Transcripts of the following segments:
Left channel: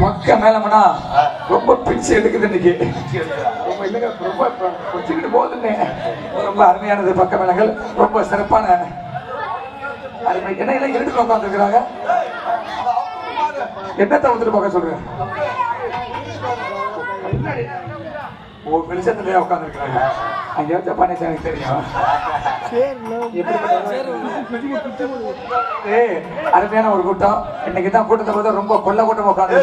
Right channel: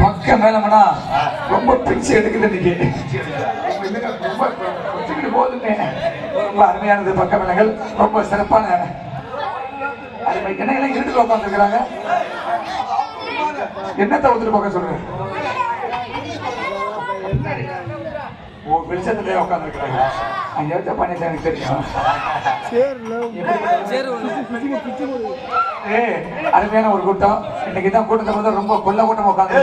பக்க மேலமனா ரொம்ப பிரிச்சு எடுக்குது இன்னைக்கு. ரொம்ப பிரிச்சுக்கிட்டு போகுதுன்னு ரொம்ப அருமையானது. பக்க மேளங்கள் ரொம்ப சிறப்பான அருமை. என்ன எல்லாம் இருட்டுக்குள்ள உட்காந்துருக்கிறாங்க. என்னத்தை வந்துட்டு பார்க்க சொல்றேன். ஓ வெளிச்சத்துல உட்காந்துருக்கிறாங்க. அங்க வச்ச பாண்டியன் எனக்கு தெரியும். அருமையான ஒரு கூட்டம். இன்னைக்கு தான் கூட்டத்தை பார்த்து ரொம்ப கொள்ள கூட்டம் உட்காந்து.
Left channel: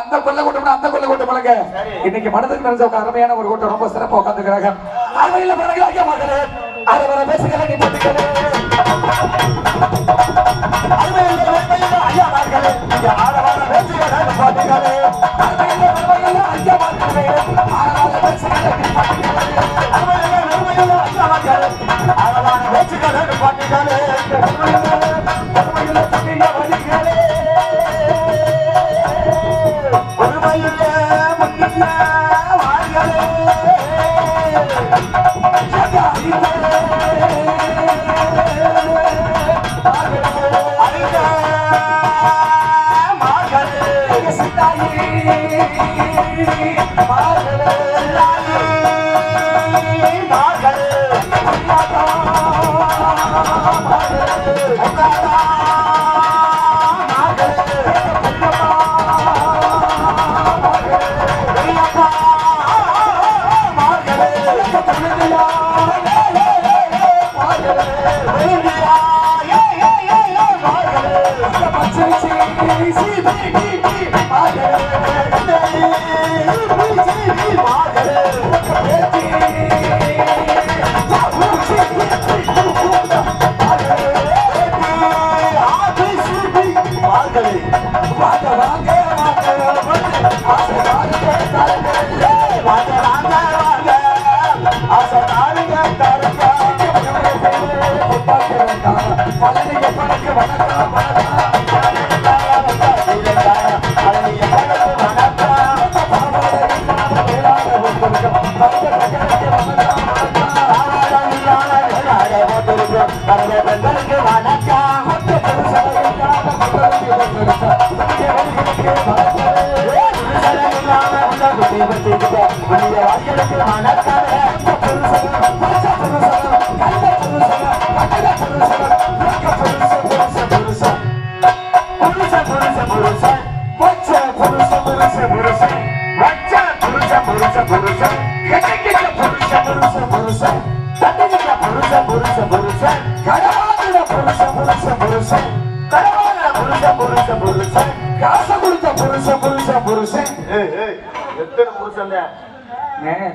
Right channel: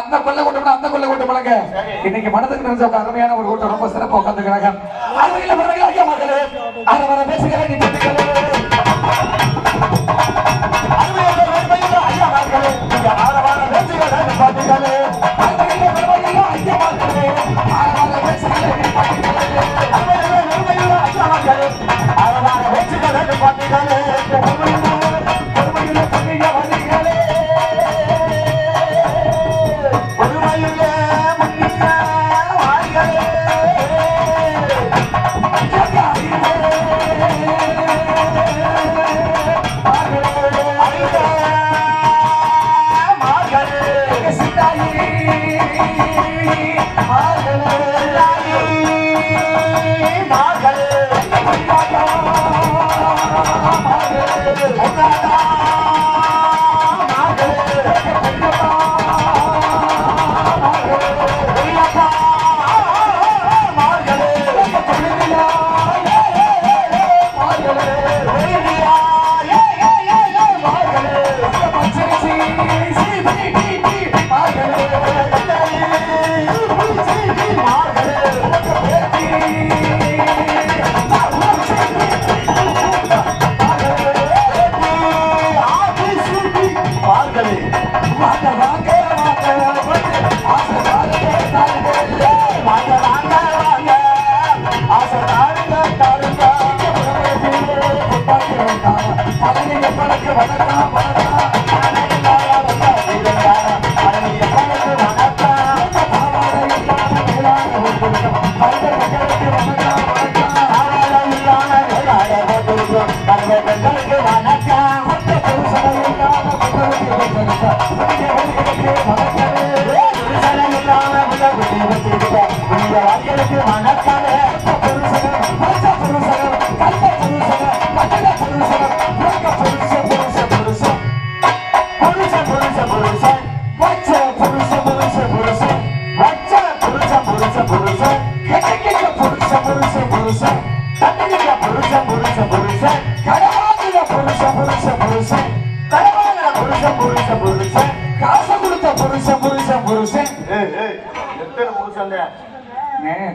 அந்த கொள்ள கூட்டம் அந்த கொள்ள கூட்டம் பழங்க. இன்னைக்கு மனதுக்கு நினைச்ச அருமையான ஒரு கூட்டம் ரொம்ப சிறப்பாக உட்காந்துக்கிறாங்க.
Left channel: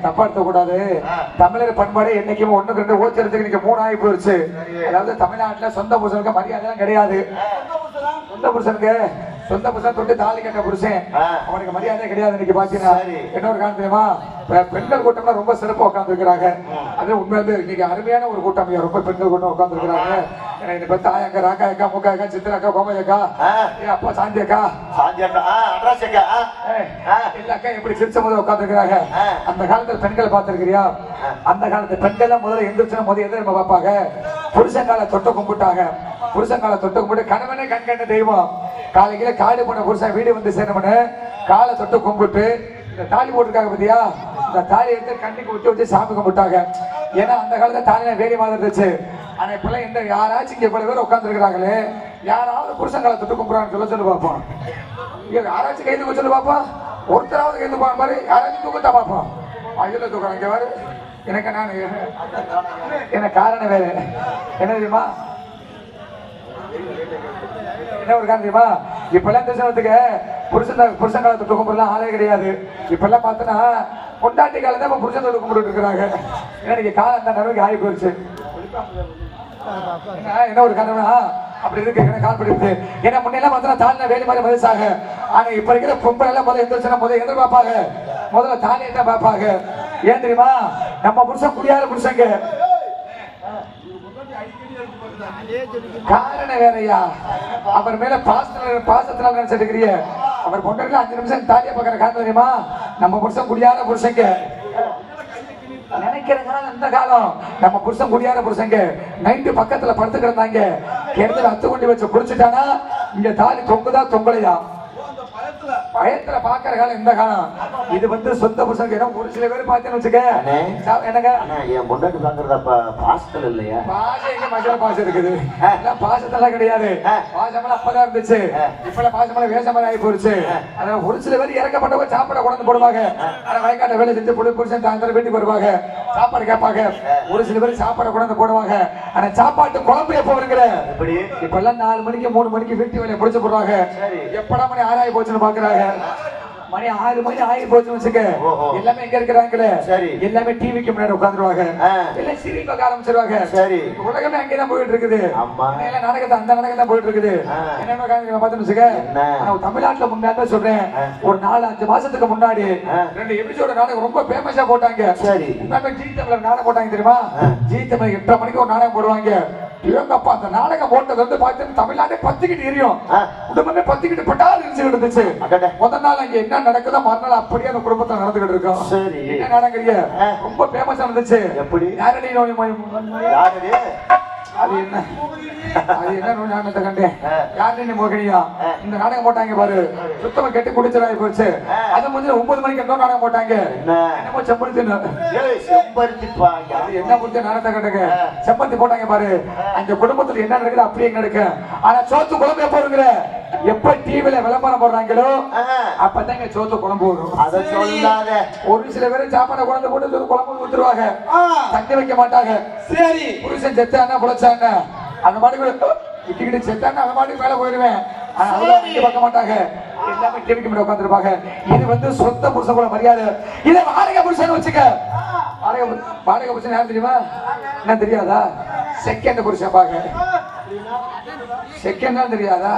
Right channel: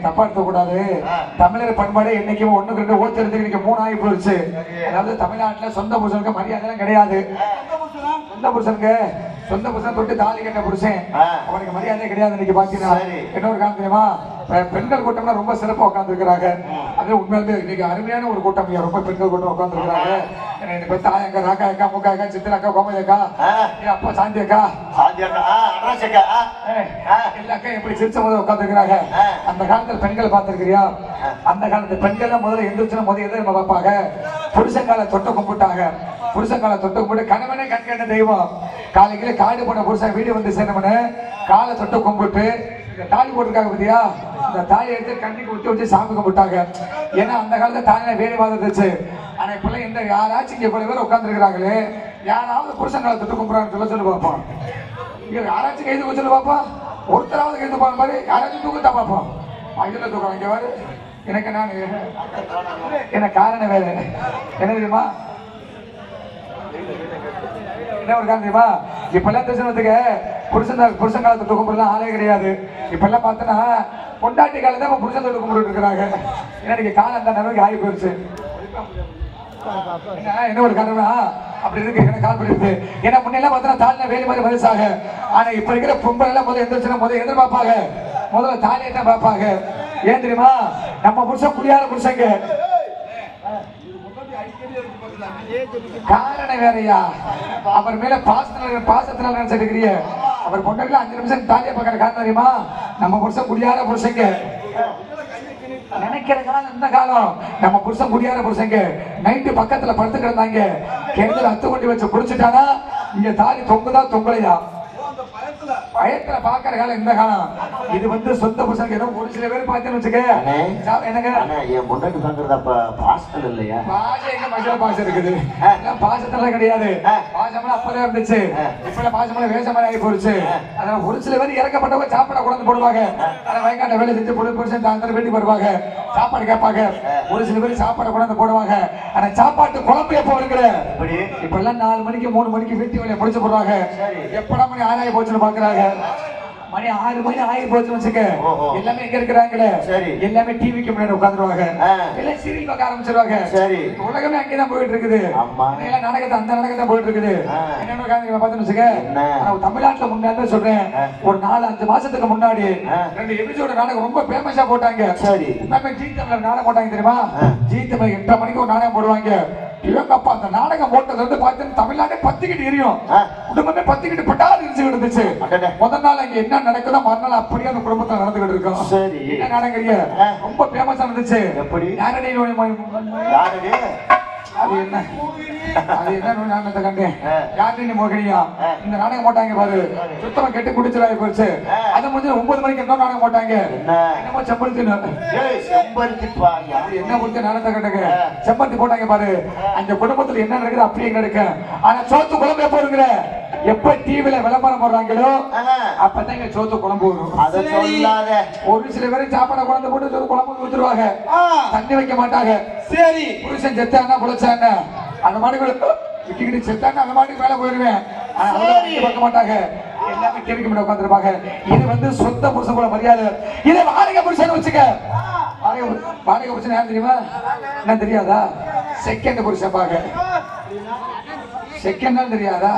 தப்பா எடுத்துக்கூடாது. தமிழர் பண்பாடு என்னைக்கும் ஒண்ணுக்கு ரெண்டு ஓச்சுறதுக்கு இன்னைக்கு 3 ஆகி போயிடுச்சு. அதாவது தமிழ்நாட்டுல சொந்த புருஷனுக்கு மரியாதை எல்லாம் கிடையாது. சொந்த புருஷன் தொட்டு தாலி கட்ட புருஷன் அவனுக்கு மரியாதை கிடையாது. இன்னைக்கு பாத்தீங்கன்னா இன்னொரு காரணம் தெரியுமா, பெண்கள் கூட்டம்லாம் ரொம்ப சிறப்பா உட்கார்ந்து இருக்கிறாங்க. அது உண்மையிலே இன்னைக்கு அருமையான ஒரு கூட்டம். ரொம்ப பெண்கள் கூட்டம் உட்கார்ந்து இருக்கிறாங்க. தாயக்கா, ராக்காயக்கா, மூக்காயக்கா, சித்திராக்கா, கோமதியக்கா, அப்பா சாந்தியக்கா, எல்லா அக்கா எப்படி சிரிச்ச முதல் உட்கார்ந்து இருக்கிறாங்க. அந்த காலத்துல பெண்களை பார்த்திருக்கிறியா? அந்த காலத்துல பெண்கள் முதல்ல எந்திரிச்சு முதல் எது நம்ம பார்ப்பாங்க, புருஷங்கால தொட்டு கும்பிட்டாங்க. புருஷங்கால தொட்டு கும்பிட்டு கணவனே கண்கண்ட தெய்வம். காலையில காடு போன புருஷன் வீடு வந்து சேரமனு காலை தொட்டு கும்பிட்டு இந்த தாலி போட்டிருக்காங்க பத்தியா, இந்த தாலி எடுத்து கண்ணுக்கு விட்டு வச்சு சாமி கும்பிட்டாங்க. ஏன்னா அந்த காலத்துல தாலி வேலை மாதிரி இருந்துச்சு. ஆனா இப்பெல்லாம் இந்த யாராச்சும் இங்க இவ்வளவு பேர் உட்கார்ந்து இருக்கிறாங்களே, யாராவது புருஷங்கால தொட்டு கும்பிடுறான்னு சொல்லி பார்ப்போம். யாராச்சும் கைது சொல்லி பார்ப்போம். ஒருத்தராவது கைது போன மாதிரி யாராச்சும் தூக்கத்தா பார்ப்போம். இதுல தூக்கம் இங்க வாரு. எனக்கு நான் எனக்கு காரணம் வேறு என்ன தெரியுமா, என்ன ஒரு காரணம் தெரியுமா, இப்பெல்லாம் பேசுறதுக்கு புருஷன் காலத்தை தூக்கம் போடலாம் ஆளே கிடையாது. இப்பெல்லாம் பார்த்தோன்னா பொண்டாட்டி காலத்தை புருஷன் தொட்டு கும்பிட்டு இருக்கிறாங்க. ஏன்னா இன்னைக்கு காலம் அந்த நிலைமைக்கு ஆகி போயிடுச்சு. என்ன ஒரு கனவா அப்படி இருக்கு எனக்கு கால்படுது. ஏன்னா முன்னெல்லாம் பார்த்தா தாலினா வேலை மாதிரி மதிச்சாங்க. ஆனா இப்ப இருக்கிற பொம்பளை எல்லாம் முதல்ல எந்திரிச்சுன்னா முதல்ல எதிர்பார்ப்பாங்க, முதல்ல தாலியை தான் பார்ப்பாங்க. ஏன் தெரியுமா, நம்ம புருஷன் குடியாத புருஷங்க. காரணம் வேறையா, அவர் மேல பாசத்தினால நினைச்சிருக்கிறிய. அவர் பொண்ணுக்கு 5 நிமிஷம் தாலியை பார்க்கற காரணம் தெரியுமா, நம்ம புருஷன் குடியாத புருஷங்க நினைக்கிறதுனால. அந்த காலம் நம்ம புருஷன் குடியாத புருஷங்க நைட்டு பக்கத்துல படுத்து கிடந்தாங்க. கிணத்துல அத்து கொண்டு வச்சு குடிச்சுட்டானா இங்க தாலி தொங்குதா தொங்கலையா பயத்துல பாக்குற காலம் இந்த காலம். இது வந்து சொந்த புருஷனுக்கு ஏன்னா ஒரு சில பேர் பார்த்தேன்னு வச்சுக்க என்னங்க என் முன்னாடி பாக்குறதப்ப பாசம் இல்லையா? பாசம் எங்க மசாலா பாசம் இருக்குது? பாசத்தெல்லாம் கிடையாது. பாசமெல்லாம் அப்பதான் இருந்துச்சு. இப்பெல்லாம் பாசமெல்லாம் வேஷமெல்லாம் ஆகி போயிடுச்சு. அதனால ஒரு சில பேர் இறக்கப்பட்டவங்க சாப்பாடு கொண்டு போடுவாங்க. ஆனா வயக்காட்ட வேலை செஞ்சு புருஷன் சாயந்தரம் வீட்டுக்கு வருவாங்க, சாப்பாடு கேட்பாங்க. ஒரு சில பேர் சாப்பாடு கொண்டு போடுவாங்க. ஆனா சாப்பாட்டு குழம்பு எப்ப வருங்கிற இப்ப எல்லாம் 4 மணிக்கு 3 மணிக்கு வீட்டு வேலையை முடிச்சு போடுவாங்க. எப்படா மணி 6 ஆகி போச்சுன்னு பாக்குறாங்க. மணி 6 மணி ஆகி போச்சுன்னு வச்சுக்க எல்லாமே எங்க இருக்கிறாங்களே எல்லாமே டிவிக்கு முன்னாடி உட்காந்துருவாங்க. எல்லாம் சீரியல் பார்க்க ஆரம்பிச்சிருவாங்க. உலகமே அங்கேதான் போயிட்டு இருக்குது. நாடகத்தை அந்த நாடகம் தான் போயிட்டு இருக்குது. என்ன பார்த்தோன்னு வச்சுக்க தமிழ்நாட்டுல முன்னாடி சொல்றேன் ஒரு 4-5 மாசத்துக்கு முன்னாடி 2 எபிசோட நாடகம் ரொம்ப பேமஸா போட்டாங்க. ஜி தமிழ் நாடகம் போட்டாங்க தெரியுமா? ஜி தமிழ் 8 மணிக்கு ஒரு நாடகம் போடுவாங்க. இவங்கப்பா அந்த நாடகம் போட்டது வந்து பார்த்தீங்கன்னா தமிழ்நாட்டே பத்திக்கிட்டு எரியும். குடும்பமே பத்திக்கிட்டு பட்டால் இருந்துச்சு. முதல் நாள் அங்க என்ன நடக்குதோ மறுநாள் அப்படியே அந்த குடும்பத்துல நடந்துகிட்டு இருக்கோம். என்ன நடக்குறீங்க ரொம்ப பேமஸா இருந்துச்சு. அது என்ன நாடகத்தை கண்டேன் யாரு மோகினியா இந்த நாடகம் போட்டாங்க பாரு. சுத்தமா கெட்டு குடிச்சலாகி போச்சு. அது முடிஞ்சு 9 மணிக்கு இன்னொரு நாடகம் போட்டாங்க. என்னமோ செம்பருத்தி அது என்ன கொடுத்து நாடகத்தை கண்டுங்க செம்பருத்தி போட்டாங்க பாரு. அந்த குடும்பத்துல என்ன நடக்குது அப்படியே நடக்கு. ஆனா சோத்து குழம்பு எப்ப வருங்கிற எப்ப டிவில விளம்பரம் போடுறாங்களோ அப்பதாங்க சோத்து குழம்பு வரும். ஒரு சில பேரும் சாப்பாடு குழந்தை போட்டு குழம்பு கொடுத்துருவாங்க, தண்ணி வைக்க மாட்டாங்க. சரி புருஷன் செத்தானா புழைச்சாங்க அந்த மாதிரி விட்டுக்கிட்டு செத்தாங்க அந்த மாதிரி மேல போயிருவேன். ஆனா அவ்வளவு பார்க்க மாட்டாங்க, எல்லாமே டிவிக்கு முன்னாடி உட்காந்துருப்பாங்க. இது வந்து சொந்த புருஷன் கூட மரியாதை. இதை வாடகை புருஷன் வச்சுக்க. வாடகை புருஷன் யாரு தெரியுமா? என்ன தெரியாதா? செகண்ட் புருஷன் பாக்க. செகண்ட் தான் தெரியாதா?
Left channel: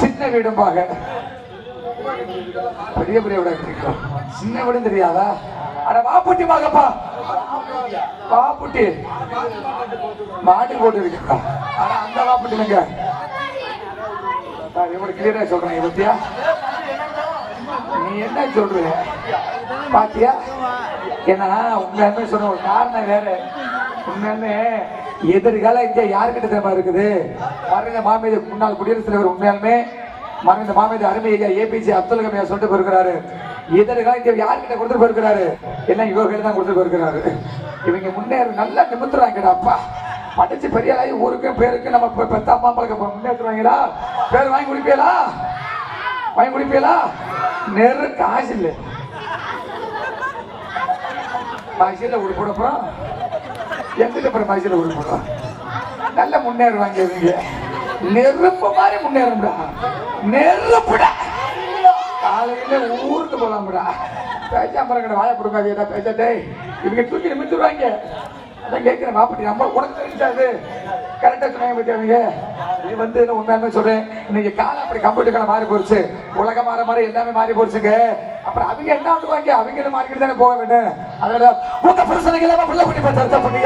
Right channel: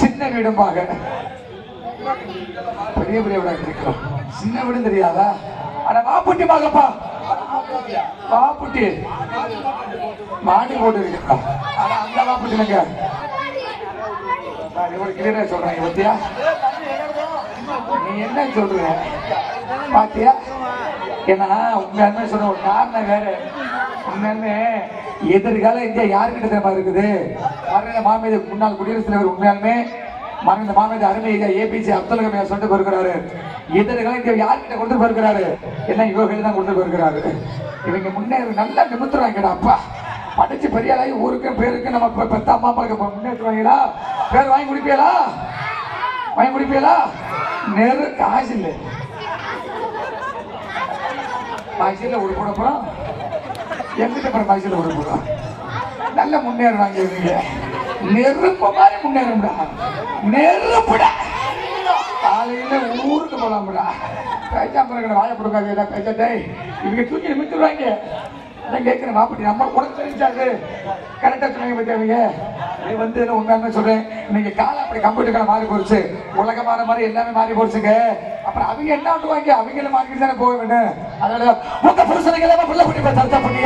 சின்ன வீடும் பாக்க. பெரிய பெரிய வீடு சின்ன வீடும் தெரியாதா? ஆனா வாப்புட்டி பாக்கப்பா வாப்புட்டி மாட்டு போட்டு இருக்கா. ஆனா அந்த வாப்புட்டி இல்லைங்க. இவ்வளவு கிளியரா சொல்றேன். இருப்பியா நீ என்ன சொல்ற பாத்தியா? ஏன்னா உண்மையாலுமே சொன்ன ஒரு காரணம் வேற. உண்மையாலுமே எதிர்கால இந்தியா யாருக்கிட்ட தெரியுமா இருக்குது? மறைந்த மாமேத முன்னாள் குடியரசுத் தலைவர் உண்மையாலுமே மறைந்த மாமேத அருமை ஐயா ஏபிஜே அப்துல் கலாம் சொல்லிட்டு போயிருக்கிறாரு. எதிர்கால இந்தியா யாருக்கிட்ட கொண்டு போயிருக்கிறாரு? எல்லாம் இவங்க தான் கொண்டு போயிருக்கிறாரு. இவங்க முன்னேற நல்லா நிமித்துறாங்கடா. அப்பா படிச்சு பெரிய ஆளாகி ஊருக்கு பேருக்கு நம்ம பெத்த அம்மா அப்பாவுக்கு முன்னேற்றுவாங்களா? பேர் வாங்கி குடிப்பீங்களா? வாங்கி குடிப்பீங்களா? நேரு காசு இல்லை. காசியில ஒரு போடப்போம் எங்கிட்ட அப்புறம் காசியில ஒரு போடுவோம். நல்ல முன்னேறுவாங்க இவங்க. நெருப்பு மாதிரி முன்னேறும்டா. நெருப்புடா. காலையில ஊருக்கு போலாம்டா. பேச்சாம்பரம் வாய கொடுக்காது பேச்சட்டே இவங்க தூக்கி நிமித்துருவாங்க. அதான் கேட்கிறேன் வாப்பட்டி நம்ம உனக்கு தெரிஞ்சாது கரெக்டா சொன்னாங்க பத்தியாவீங்க. இது வந்து உண்மையான சொல்றேன். இன்னைக்கு காலம் அப்படி கம்ப்யூட்டர் காலம் மாறி போச்சு. உலக மாற மாதிரி எல்லாமே மாறி போச்சுங்க. அப்புறம் அவங்க என்ன பண்ணுவாங்க? அவங்களும் மாறிக்கிட்டு தானே போக வேண்டும். அதனால உங்க பிரச்சனைகள் எல்லாம் பிள்ளை பண்ணி சர்ச்சை பண்ணி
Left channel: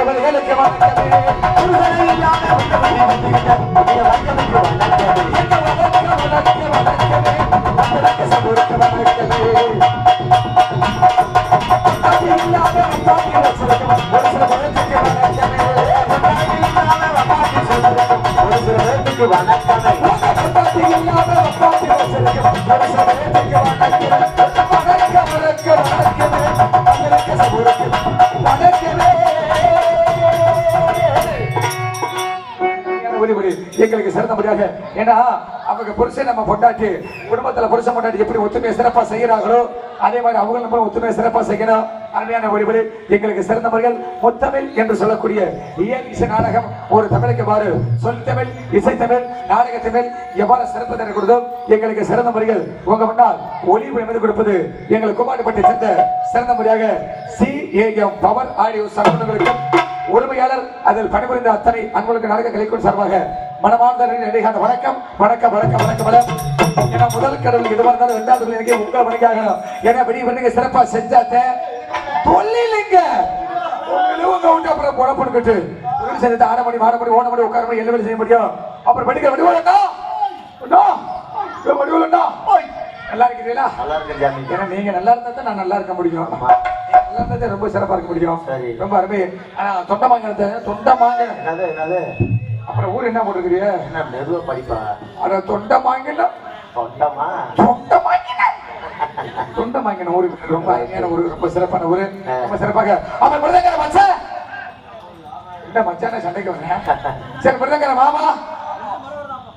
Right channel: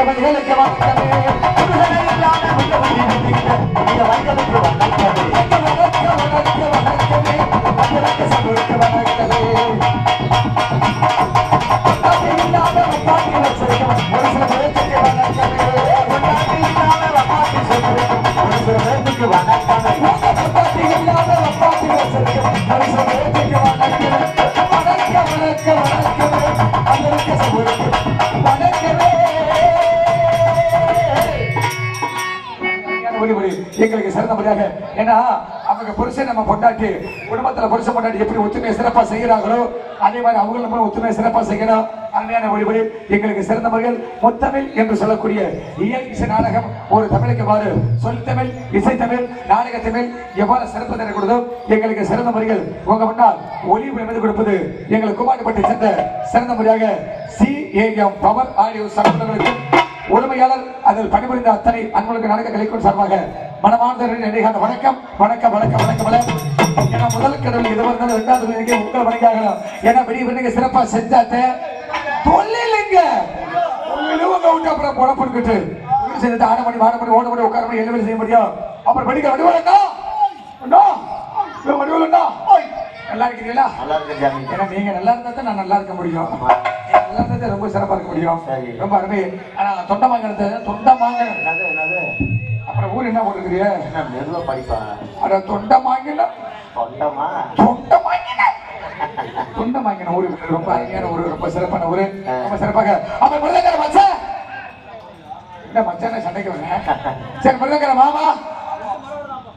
எங்களுக்கு சிறந்தபடியாக. ஏன்னா அவங்க புருஷன் நம்ம பொண்டாட்டி குடும்பத்துல புருஷன் பொண்டாட்டி எப்படி ஒத்துமையை சிறப்பா செய்கிறார்களோ அதே மாதிரி அவங்களும் நம்ம ஒத்துமையை சிறப்பா செய்யணும். அருமையான வழிபடி எங்களுக்கு சிறந்தவர்கள் முத்தமிழ் என்று சொல்லக்கூடிய இயல் இசை நாடகம் ஒரு தமிழுக்கு வாரு சொல் தமிழ் இசை தமிழ் நாடக தமிழ் எவ்வாறு சிறப்பு தரக்கூடதோ எங்களுக்கு சிறந்த முறைகள் உங்க முன்னால் ஒளிபரப்பு கொடுப்பது எங்களுக்கு குமாரப்பட்டி சென்ற சிறந்த முறையாக CAM பவர் ஆடியோ சகோதரர்களுக்கு உரிமையாளர் அதில் பணிபுரிந்த அத்தனை அன்புகளுக்கு நடக்க கலைக்கும் சார்பாக மனமார்ந்த வணக்கம் வணக்கம் வணக்கம் வணக்கம். ஏன்னா முதல் கடவுள் எதுவாக இருந்தாலும் 2வது உங்களை வணக்காகணும். ஏன்னா வெளியே பண்ணி சிறப்பா செஞ்சாத்த தொல்லிங்க அப்புறம் குழப்பிட்டு ஆடமணி மாடமணி ஓடமணி உட்காரமணி எல்லாமே செய்ய முடியும். அப்புறம் படிக்க வடிவா நல்லா இருக்கிறீங்களா? ஏன்னா நீங்க நல்லா இருந்தா தான் நான் நல்லா இருக்க முடியும். நல்லா இருந்தா ரொம்ப சிறப்பா இருக்க முடியும். ரொம்ப அருமை. ஆனா தொண்டமாங்க தொண்டமாங்க அப்புறம் ஊர் என்ன போட்டுருக்கிறீங்க? மெதுவா படிப்பா. அட தொண்டை வாங்கினோம் தொண்டமா தொண்டை வாங்கினேன் தொண்டை வாங்கின ஊரு ரொம்ப அருமையான ஊரு ரொம்ப சிறப்பான ஊரு ரொம்ப சிறப்பாக அப்ப மிருதங்கர மச்சான் இந்த மச்சான சண்டைக்கு வரேன் சரி மிருதங்கர மாமா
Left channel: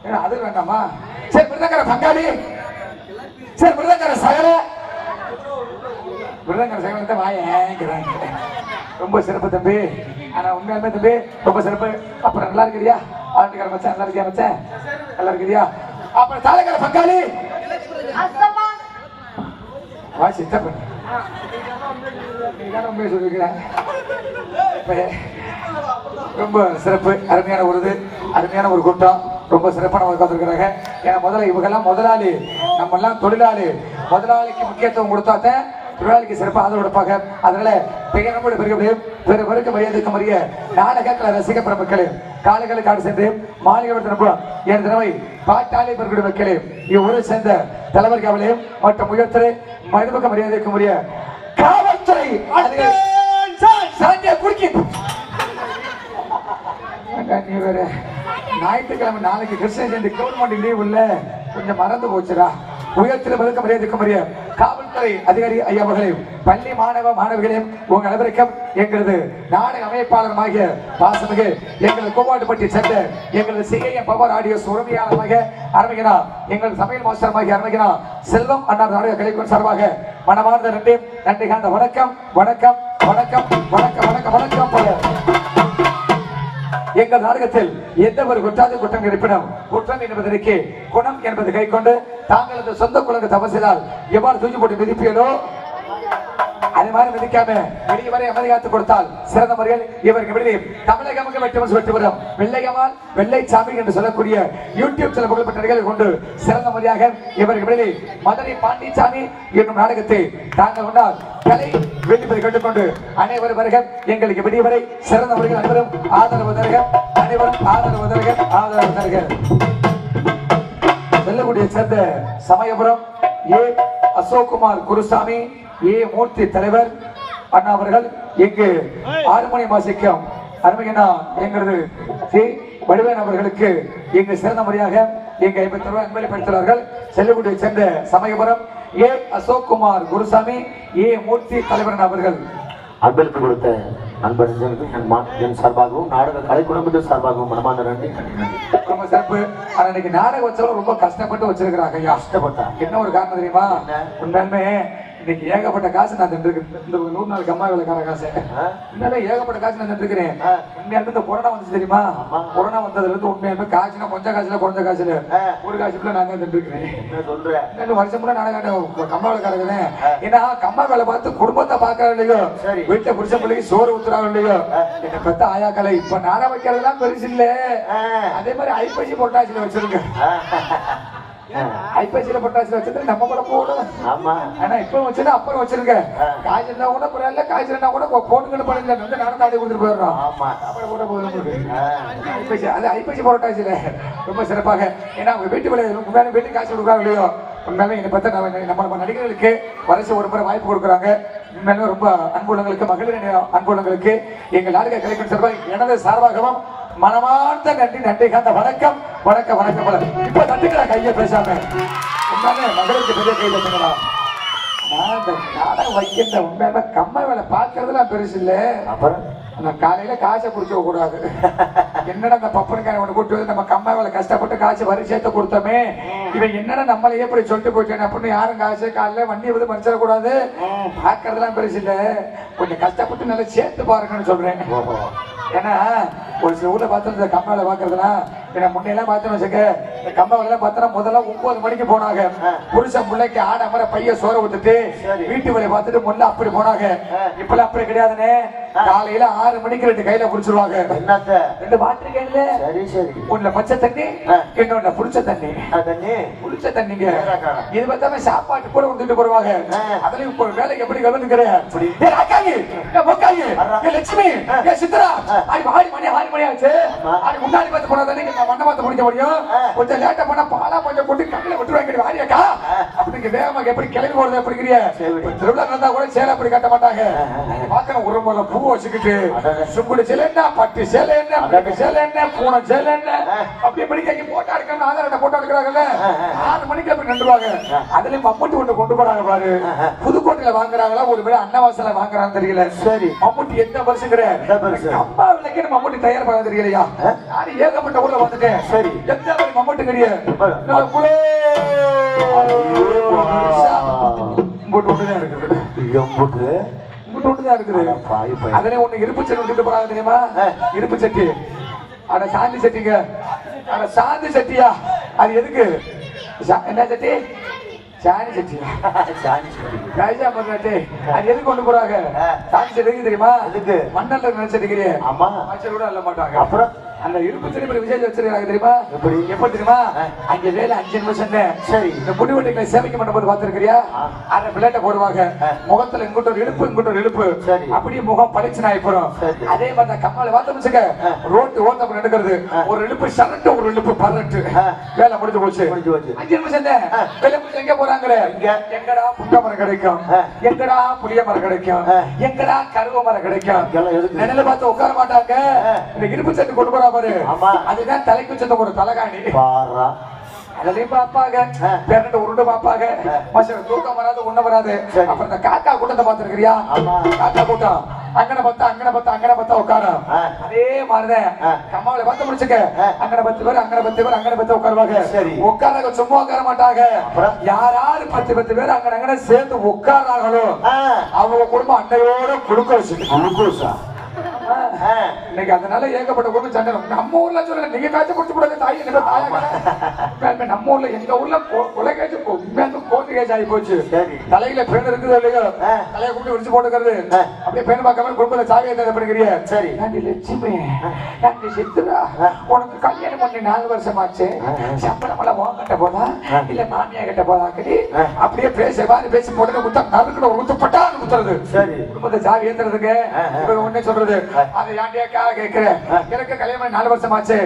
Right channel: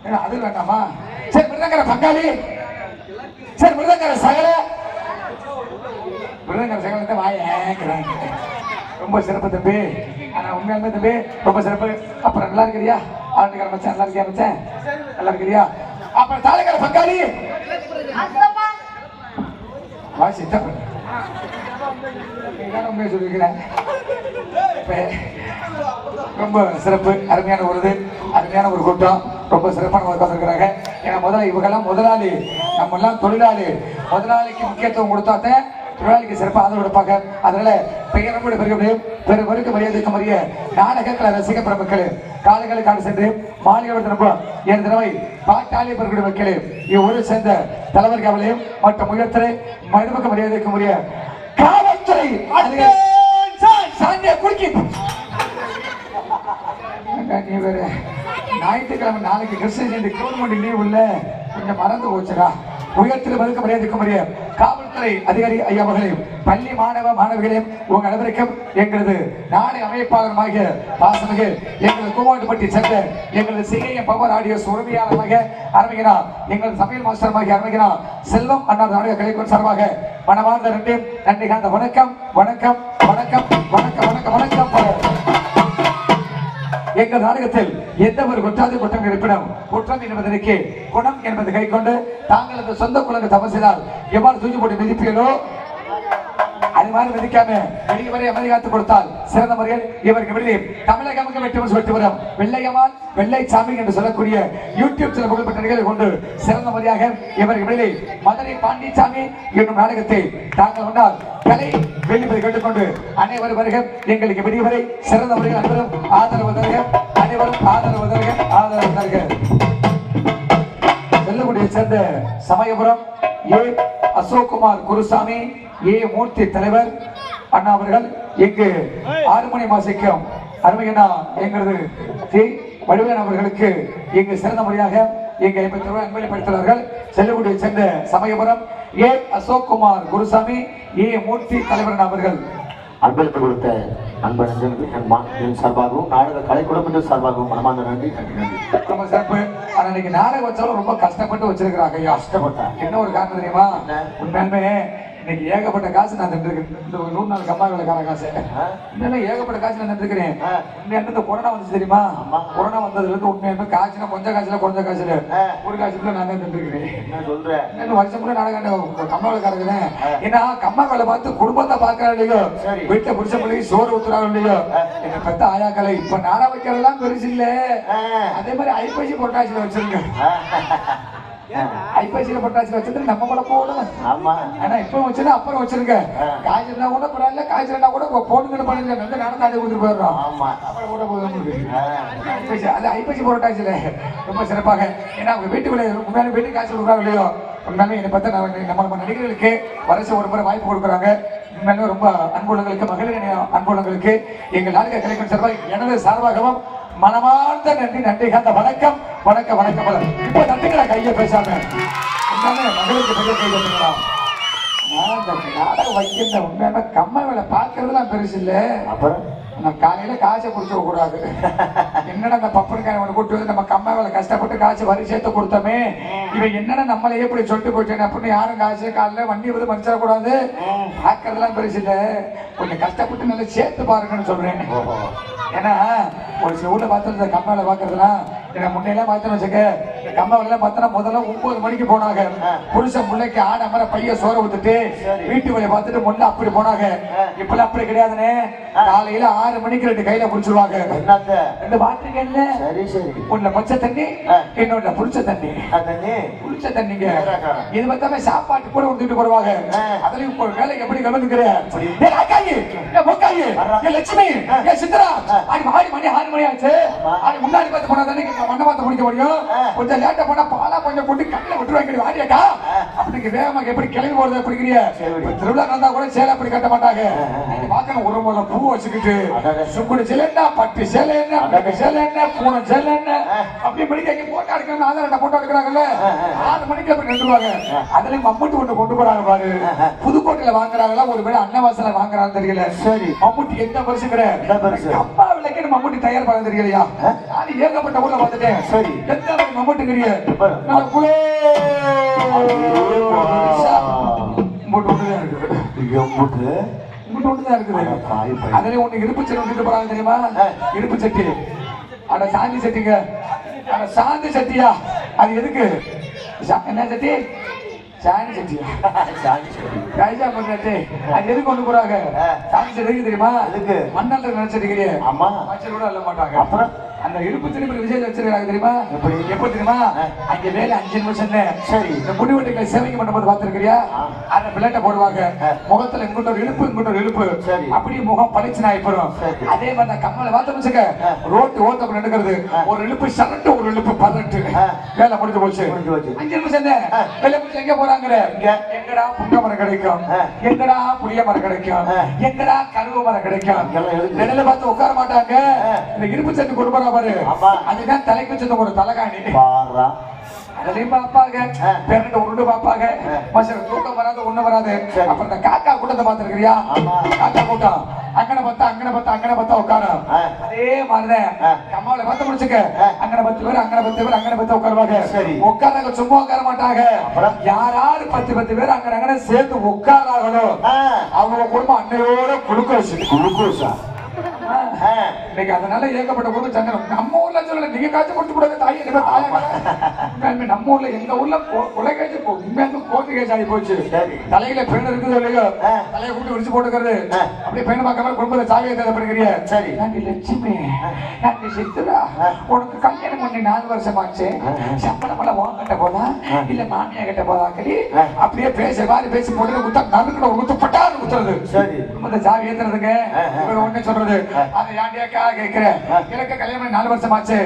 ஏன்னா அது வேண்டாமா சரி மிருதங்கர பங்காளி சரி மிருதங்கர சகல மிருதங்கர சகலத்தை வாயேங்கிறேன் ரொம்ப சிறப்பு தம்பி ஆனா உண்மையாலுமே தம்பி ரொம்ப சிறப்பு அப்புறம் நல்லா இருக்கிறியா ஆட்டுக்கிற மச்சான் நல்லா இருக்கியா மச்சான் நல்லா இருக்கிறியா அப்புறம் தாளைக்கிற பங்காளி வா சித்தப்பு உண்மையை சொல்லியிருக்கிறேன் ரொம்ப சிறப்பு அருமையான ஒரு அருமையான ஒரு கூட்டம் ரொம்ப சிறப்பான உட்காந்துருக்கிறாங்க ஏன்னா முதல்ல இவங்கெல்லாம் முதலாளி நம்ம எல்லாம் தொழிலாளி முதலாளிக்கு முக்கியத்துவம் கொடுத்தாத்த தொழிலாளிக்கு சிறப்பாக ஆதரவு கொடுப்பாங்க அதனால பெயரோடு பெருமருக்கு மரியாதைக்கு மறிய நாடகத்தில் ரசிக பெருமக்களே காலைகளுக்கு ஆடு சென்று மாலையோடு திரும்புவோம் என் தினமை பாட்டாளி பெருக்கிட மக்களே இவ்வூரை சேர்ந்த தலைவர் கவலையும் மற்றும் உயர்த்தரை மனிதமுக மரியாதைக்கு மறிய காவல்துறை குடிக்கி நீ வேற ஞாயிற்றுக்கிழமை நாளைக்கு கிருஷ்ண ஜெயந்தி கவர்மெண்ட் லீவ் இல்ல கொஞ்சம் மறந்து போச்சுடா உயர்த்தில் மறுக்க மரியாதைக்கு மறிய காவல்துறை அதிகாரி ஐயா மகளே பள்ளி மாணவ மாணவிகளே உங்க அனைவருக்கும் எங்களது நாடக அமைப்பாளருமாகிய பாசமிகு எங்களது கோவாட்டுப்பட்டி சேர்ந்த எங்களது சிஐஎம் பவர் ஆடியோ உரிமையாளராக அருமைகிறார் எங்களது சமையல் மாஸ்டருமாகிய அருமைகிறார் செல்வம் அண்ணா நாடக கலைக்குழு சார்பாக மனமார்ந்த நன்றி கண்ட வணக்கம் வணக்கம் வணக்கம் வணக்கம் வணக்கம் வணக்கம் எங்கள் நாடகத்தில் எந்த ஒரு குற்றாதி குற்றம் இருப்பினும் குற்றம் என்பதற்கு குணம் என்பது கை கொண்டு தாங்களது சொந்த குழந்தை தவறு செய்தால் எவ்வாறு தூக்கி போட்டு மிதிப்பீர்களோ அது மாதிரி மிதிக்காம வெளியே வரை அமைதியாத்து கொடுத்தால் சிறந்த முறையில் இவருக்கு வெளியே தமிழகமுக்கு வெட்டுமன் சொல்லிட்டு வரும் வெள்ளையவான் வெள்ளை சாமி என்று சொல்லக்கூடிய யூடியூப் சில புகழ்பெற்ற நிகழ்வு கொண்டு சிறந்த முறையாக இவருக்கு வெளியே மதுரை பாண்டிச்சாமி என்னும் நாடகத்தை தாங்கள் முன்னால் கலை வெளிப்பதை கேட்டுக்கொண்டு அனைவரும் வருக எங்களுக்கு வெளிவரை சிறந்த முறையில் அனைவரும் ஆதரவு தருக அனைவரும் ஆதரவு தருக ஆதரவு தருக செல்லக்கூடிய சேர்ந்த சமயபுரம் ஏ அசோக்குமார் குருசாமி ஏ மூர்த்தி தலைவர் அண்ணா அவர்கள் இங்கு 6 மணி மாசிக்கும் அருமையண்ணா எங்களது சி வடிவேன் அவர்களுக்கு இங்கு சிறந்த முறையாக இங்கு 50 ரூபாய் அன்பளிப்படுத்தினார்கள் செல்லக்கூடிய சேர்ந்த சமயபுரம் ஏ அசோக்குமார் குருசாமி ஏ மூர்த்தி தலைவர் அவர்கள் அன்பளிப்பு கொடுத்த அன்பன் சார்பாகவும் நாடக கலை குடும்பத்தின் சார்பாகவும் மனமார்ந்த நன்றி ரொம்ப சிறப்பு ஆனா இன்னைக்கு நாடகம் வச்சவங்க ரொம்ப கஷ்டப்பட்டு வச்சிருக்கிறாங்க ஐயா கஷ்டப்பட்டா என்ன ஒரு காரணம் தெரியுமா உண்மையுமே இன்னைக்கு ஏகப்பட்ட காசு நான் தின்றுருக்கேன் இந்த 100 நாளுக்கு அம்மா வேலைக்கான காசு இன்னும் ஏகப்பட்ட காசு நான் தின்றுருக்கிறேன் உண்மையான இந்த கொரோனா வந்து தெரியுமா கொரோனா வந்ததுல இருந்து உண்மையுமே காய்ச்சினா கொஞ்சம் காய்ச்சல குறைஞ்ச காய்ச்சல ஒரு காய்ச்சல நான் தான் தின்றுருக்கிறேன் சொல்றேன் இன்னும் வருஷம் கூட நாடகம் கம்மா வேலை கிடக்குறேன் ஏன்னா கம்மா வேலை பார்த்து குடும்பத்தை பாக்குறாங்க இல்லையோ வீட்டுல புருஷ பிள்ளைக்கு சோறு ஊத்துறாங்க இல்லையோ என்னை பத்த ஆயாக்களை இப்ப நாடா வைக்கிறதெல்லாம் பெருசு இல்ல அதே மாதிரி ஐப்பசி பொட்டாசில வச்சிருங்க ஐப்பசியில பொட்டாசில வச்சிருந்து நம்ம கூட போடும் ஆனா இப்ப வச்சது அப்புறம் வச்சிருக்க காய்ச்சல்னா கூட பரவாயில்ல காய்ச்சல்னா கூட போனுங்களை பண்ணல வந்து நடந்து ஆடி கொடுத்துட்டு போயிடுறோம் அப்புறம் கூட போதும் ஐப்பசி அது ஐப்பசி பொட்டாசில ரொம்ப சிறப்பாக ஏன்னா அவங்க வீட்டுக்குள்ளே முன்னாடி வீட்டு காய்ச்சல் கொடுக்குறாங்க இல்லையோ உண்மையாலுமே என்னை பத்தி நம்ம நடிகர்களுக்கு வருஷம் ஒரு முறை வாய்ப்பு கொடுக்குறாங்க உண்மையிலுமே ரொம்ப அன்புள்ளங்களுக்கு மகளிர் அன்புள்ளங்களுக்கு எங்கள் நாடக கலைஞர் சார்பாக எனது சார்பாகவும் மனமார்ந்த நன்றி காந்த வணக்கம் வணக்கம் வணக்கம் இப்ப நன்றிகளை கையை பேசாம உண்மையாலுமே மகளுக்கு பெரிய கையில பண்ணலாம் நாடகம் வைக்கின்ற உண்மையான கம்ம வேலை பார்க்கறதுலாம் பெருசு இல்ல நான் காலையில காசை குடிச்ச கூடாது என்னடா அந்த பப்பனுக்கார ஒண்ணு கூட்டு வந்து நம்ம கம்ம வேலை கஷ்டப்பட்டு காசு வரி சேர்த்து கொடுத்தோமே இவன் என்னடா நம்மளை எப்படி சொல்லிட்டு போயிட்டேன் அப்படின்னு யாரும் காசு காலையில வண்டி வந்து மறைச்சிட கூடாது பார்க்கறதுலாம் பெருசு இல்ல கொஞ்சம் கஷ்டப்பட்டு நல்லா சேர்த்து பாருங்கன்னு சொல்றேன் ஏன்னா ஒரு சில ஊர்ல பார்த்து இந்த கம்ம வேலை பாக்குறதுலாம் ஏன்னா முன்னையெல்லாம் பார்த்தோன்னு வச்சுக்க இந்த கம்ம வேலை எல்லாம் பார்த்தோன்னா முதல்ல 9 மணிக்கு போனாங்க புருஷன் பிள்ளைக்கு ஆட மாதிரி பைய சோற ஊத்துட்டு வீட்டு வேலையை பார்த்துட்டு முன்ன அப்படி போனாங்க இப்பெல்லாம் அப்படி கிடையாதுனே காலையில 6 மணிக்கு 2 கையில குடிச்சிருவாங்க 2 வாட்டர் கையில ஒண்ணு பச்சை தண்ணி இன்னொன்னு புளிச்ச தண்ணி புளிச்ச தண்ணிங்க இது பார்த்தாம சாப்பாட்டு கூட வந்துட்டு போடுவாங்க அதுலயும் இப்போ வேலைக்கு எப்படி கவனிக்கிறேன் லட்சுமி சித்ரா ஆடி மணி 6 மணி ஆச்சு ஆடி முன்னாடி பார்த்து போனா தானே மண்ணை பார்த்து முடிக்க முடியும் கொஞ்சம் லேட்டா போனா பாலா கொஞ்சம் போட்டு கையில விட்டுருவாங்க வாரியக்கா இன்னைக்கு வேகமா எப்படி கிளம்பி போறது அப்படிங்கிறிய திருவிழா இருந்தா கூட சேலை அப்படி கட்ட மாட்டாங்க. நீங்க பாக்கணும் ஒரு முறை பூ வச்சுக்கிட்டு சுக்குடி சேலை என்ன, பட்டு சேலை என்ன, பட்டு சேலை என்ன, பூனை சேலை என்ன, அப்படி படிக்க போட்டோ எடுக்கணும். ஆதார போட்டோ எடுக்கிறாங்கல்ல 4 மணிக்கு அப்படி நின்றுவாங்க. அதுலயும் மம்முட்டி ஒன்று கொண்டு போறாங்க பாரு. புதுக்கோட்டையில வாங்குறாங்களா ஒரு வேளை அன்னவாசல வாங்குறான்னு தெரியல. சரி மம்முட்டி எந்த பரிசுங்கிற அம்மா விலைக்கு மம்முட்டி தயார் பண்ண தெரியலையா? நான் ஏகப்பட்ட ஊர்ல வந்துட்டேன். சரி எந்த மம்முட்டி கிடையாது. அதுல ஒண்ணு இருப்பு சட்டி விட்டுட்டு போறாங்க தெரியுமா? இருப்பு சட்டி. அட சாந்தி சட்டிங்க. அட சாந்தி சட்டியா? அது எதுக்கு? என்ன சட்டி? சாணி சட்டியா? கைஜா பண்ணாட்டே அது எதுக்கு கொண்டு போறாங்க? சாந்தி சட்டி தெரியுமா? மண்ணல்ல நினைச்சிருக்கிறீங்க. ஆமா கூட அல்ல மாட்டாங்க. அப்புறம் அந்த இருப்பு திருப்பி விஜய் வச்சிருக்காங்க தெரியுமா? எப்ப தெரியுமா? அங்க வேலை 5 நிமிஷம். சரி இந்த முடிவெட்டுகளை சேவைக்கு பண்ணும்போது பார்த்திருக்கிறியா? அந்த பிள்ளைட்ட போடுவாங்க. முகத்துல இங்கிட்ட ஒரு இழுப்பு இங்கிட்ட ஒரு இழுப்பு. அப்படியே முகம் பளிச்சுனா ஆயிப்படும். அதே மாதிரி கம்மால பார்த்தோம்னுச்சுக்க ரோட்டு ஓட்ட நடக்கிறது. ஒரு இழுப்பு சரட்டு ஒரு இழுப்பு பரட்டு. வேலை முடிஞ்சு போச்சு. 5 நிமிஷம் வேலை முடிச்சு எங்க போறாங்க? எங்கடா புங்க மரம் கிடைக்கும், எங்கடா புளிய மரம் கிடைக்கும், எங்கடா கருவ மரம் கிடைக்கும். நிழல பார்த்து உட்கார மாட்டாங்க. இந்த இருப்பு சட்டு கொண்டு போறா பாரு. அதுதான் தலைக்கு சத்த ஒரு தலகாணி. அதுலயும் பாப்பாங்க பேரண்ட உருண்டு பாப்பாங்க. தூக்கம் வராது ஒண்ணு வராது. அப்புறம் இந்த காக்கா கூட்டத்தை பார்த்திருக்கிறியா? காக்கா கூட்டம் அங்கன பத்தா உட்கார. அதே மாதிரிதான் கம்மாவில பார்த்து முடிச்சுக்க. அங்கன 10 பேர் உட்காருவாங்க. உட்கார சும்மா உட்கார மாட்டாங்க. யாராரு 10 பேர் அங்கன சேர்ந்து உட்காராங்களோ அவங்க குடும்பம் அன்னையோட குடுக்க வச்சு இன்னைக்கு அதனால ஏகப்பட்ட குடும்பம் சண்டை. நம்ம ஊர்ல சொல்ல நீங்க காய்ச்சி குடிச்சு கூடாது தாய் தாயா. நம்ம ஊர்ல எங்க ஊர்ல கொலை காய்ச்சி உண்மையான கோட்டு காய்ச்சி ஆகி போச்சு. தலையில பேன் இருக்குது இல்லையோ தலையை கூப்பிட்டு விரிச்சு போட்டுக்கிறது. அப்படியே பேன் பார்க்காம குடும்பத்தை சாவியை தேவைப்படுகிறிய. சரி லட்சுமி சித்துரா உனக்கு கல்யாணம் பண்ணி 4 வருஷம் ஆச்சு. சம்பளம் எல்லாம் கட்ட போதா இல்ல மாமியா கிட்ட போதாக்கி அப்படியே பேச மாதிரி பேசி போட்டு குத்தா நறுக்கிட குத்தப்பட்டா குத்துறது. சரி குடும்பத்தை சாவி ஏத்துறதுக்கு ஒண்ணு சொல்றது. அதை யாண்டியாக்கா கேட்கிறேன். எனக்கு கல்யாணம் 4 வருஷம் ஆச்சு.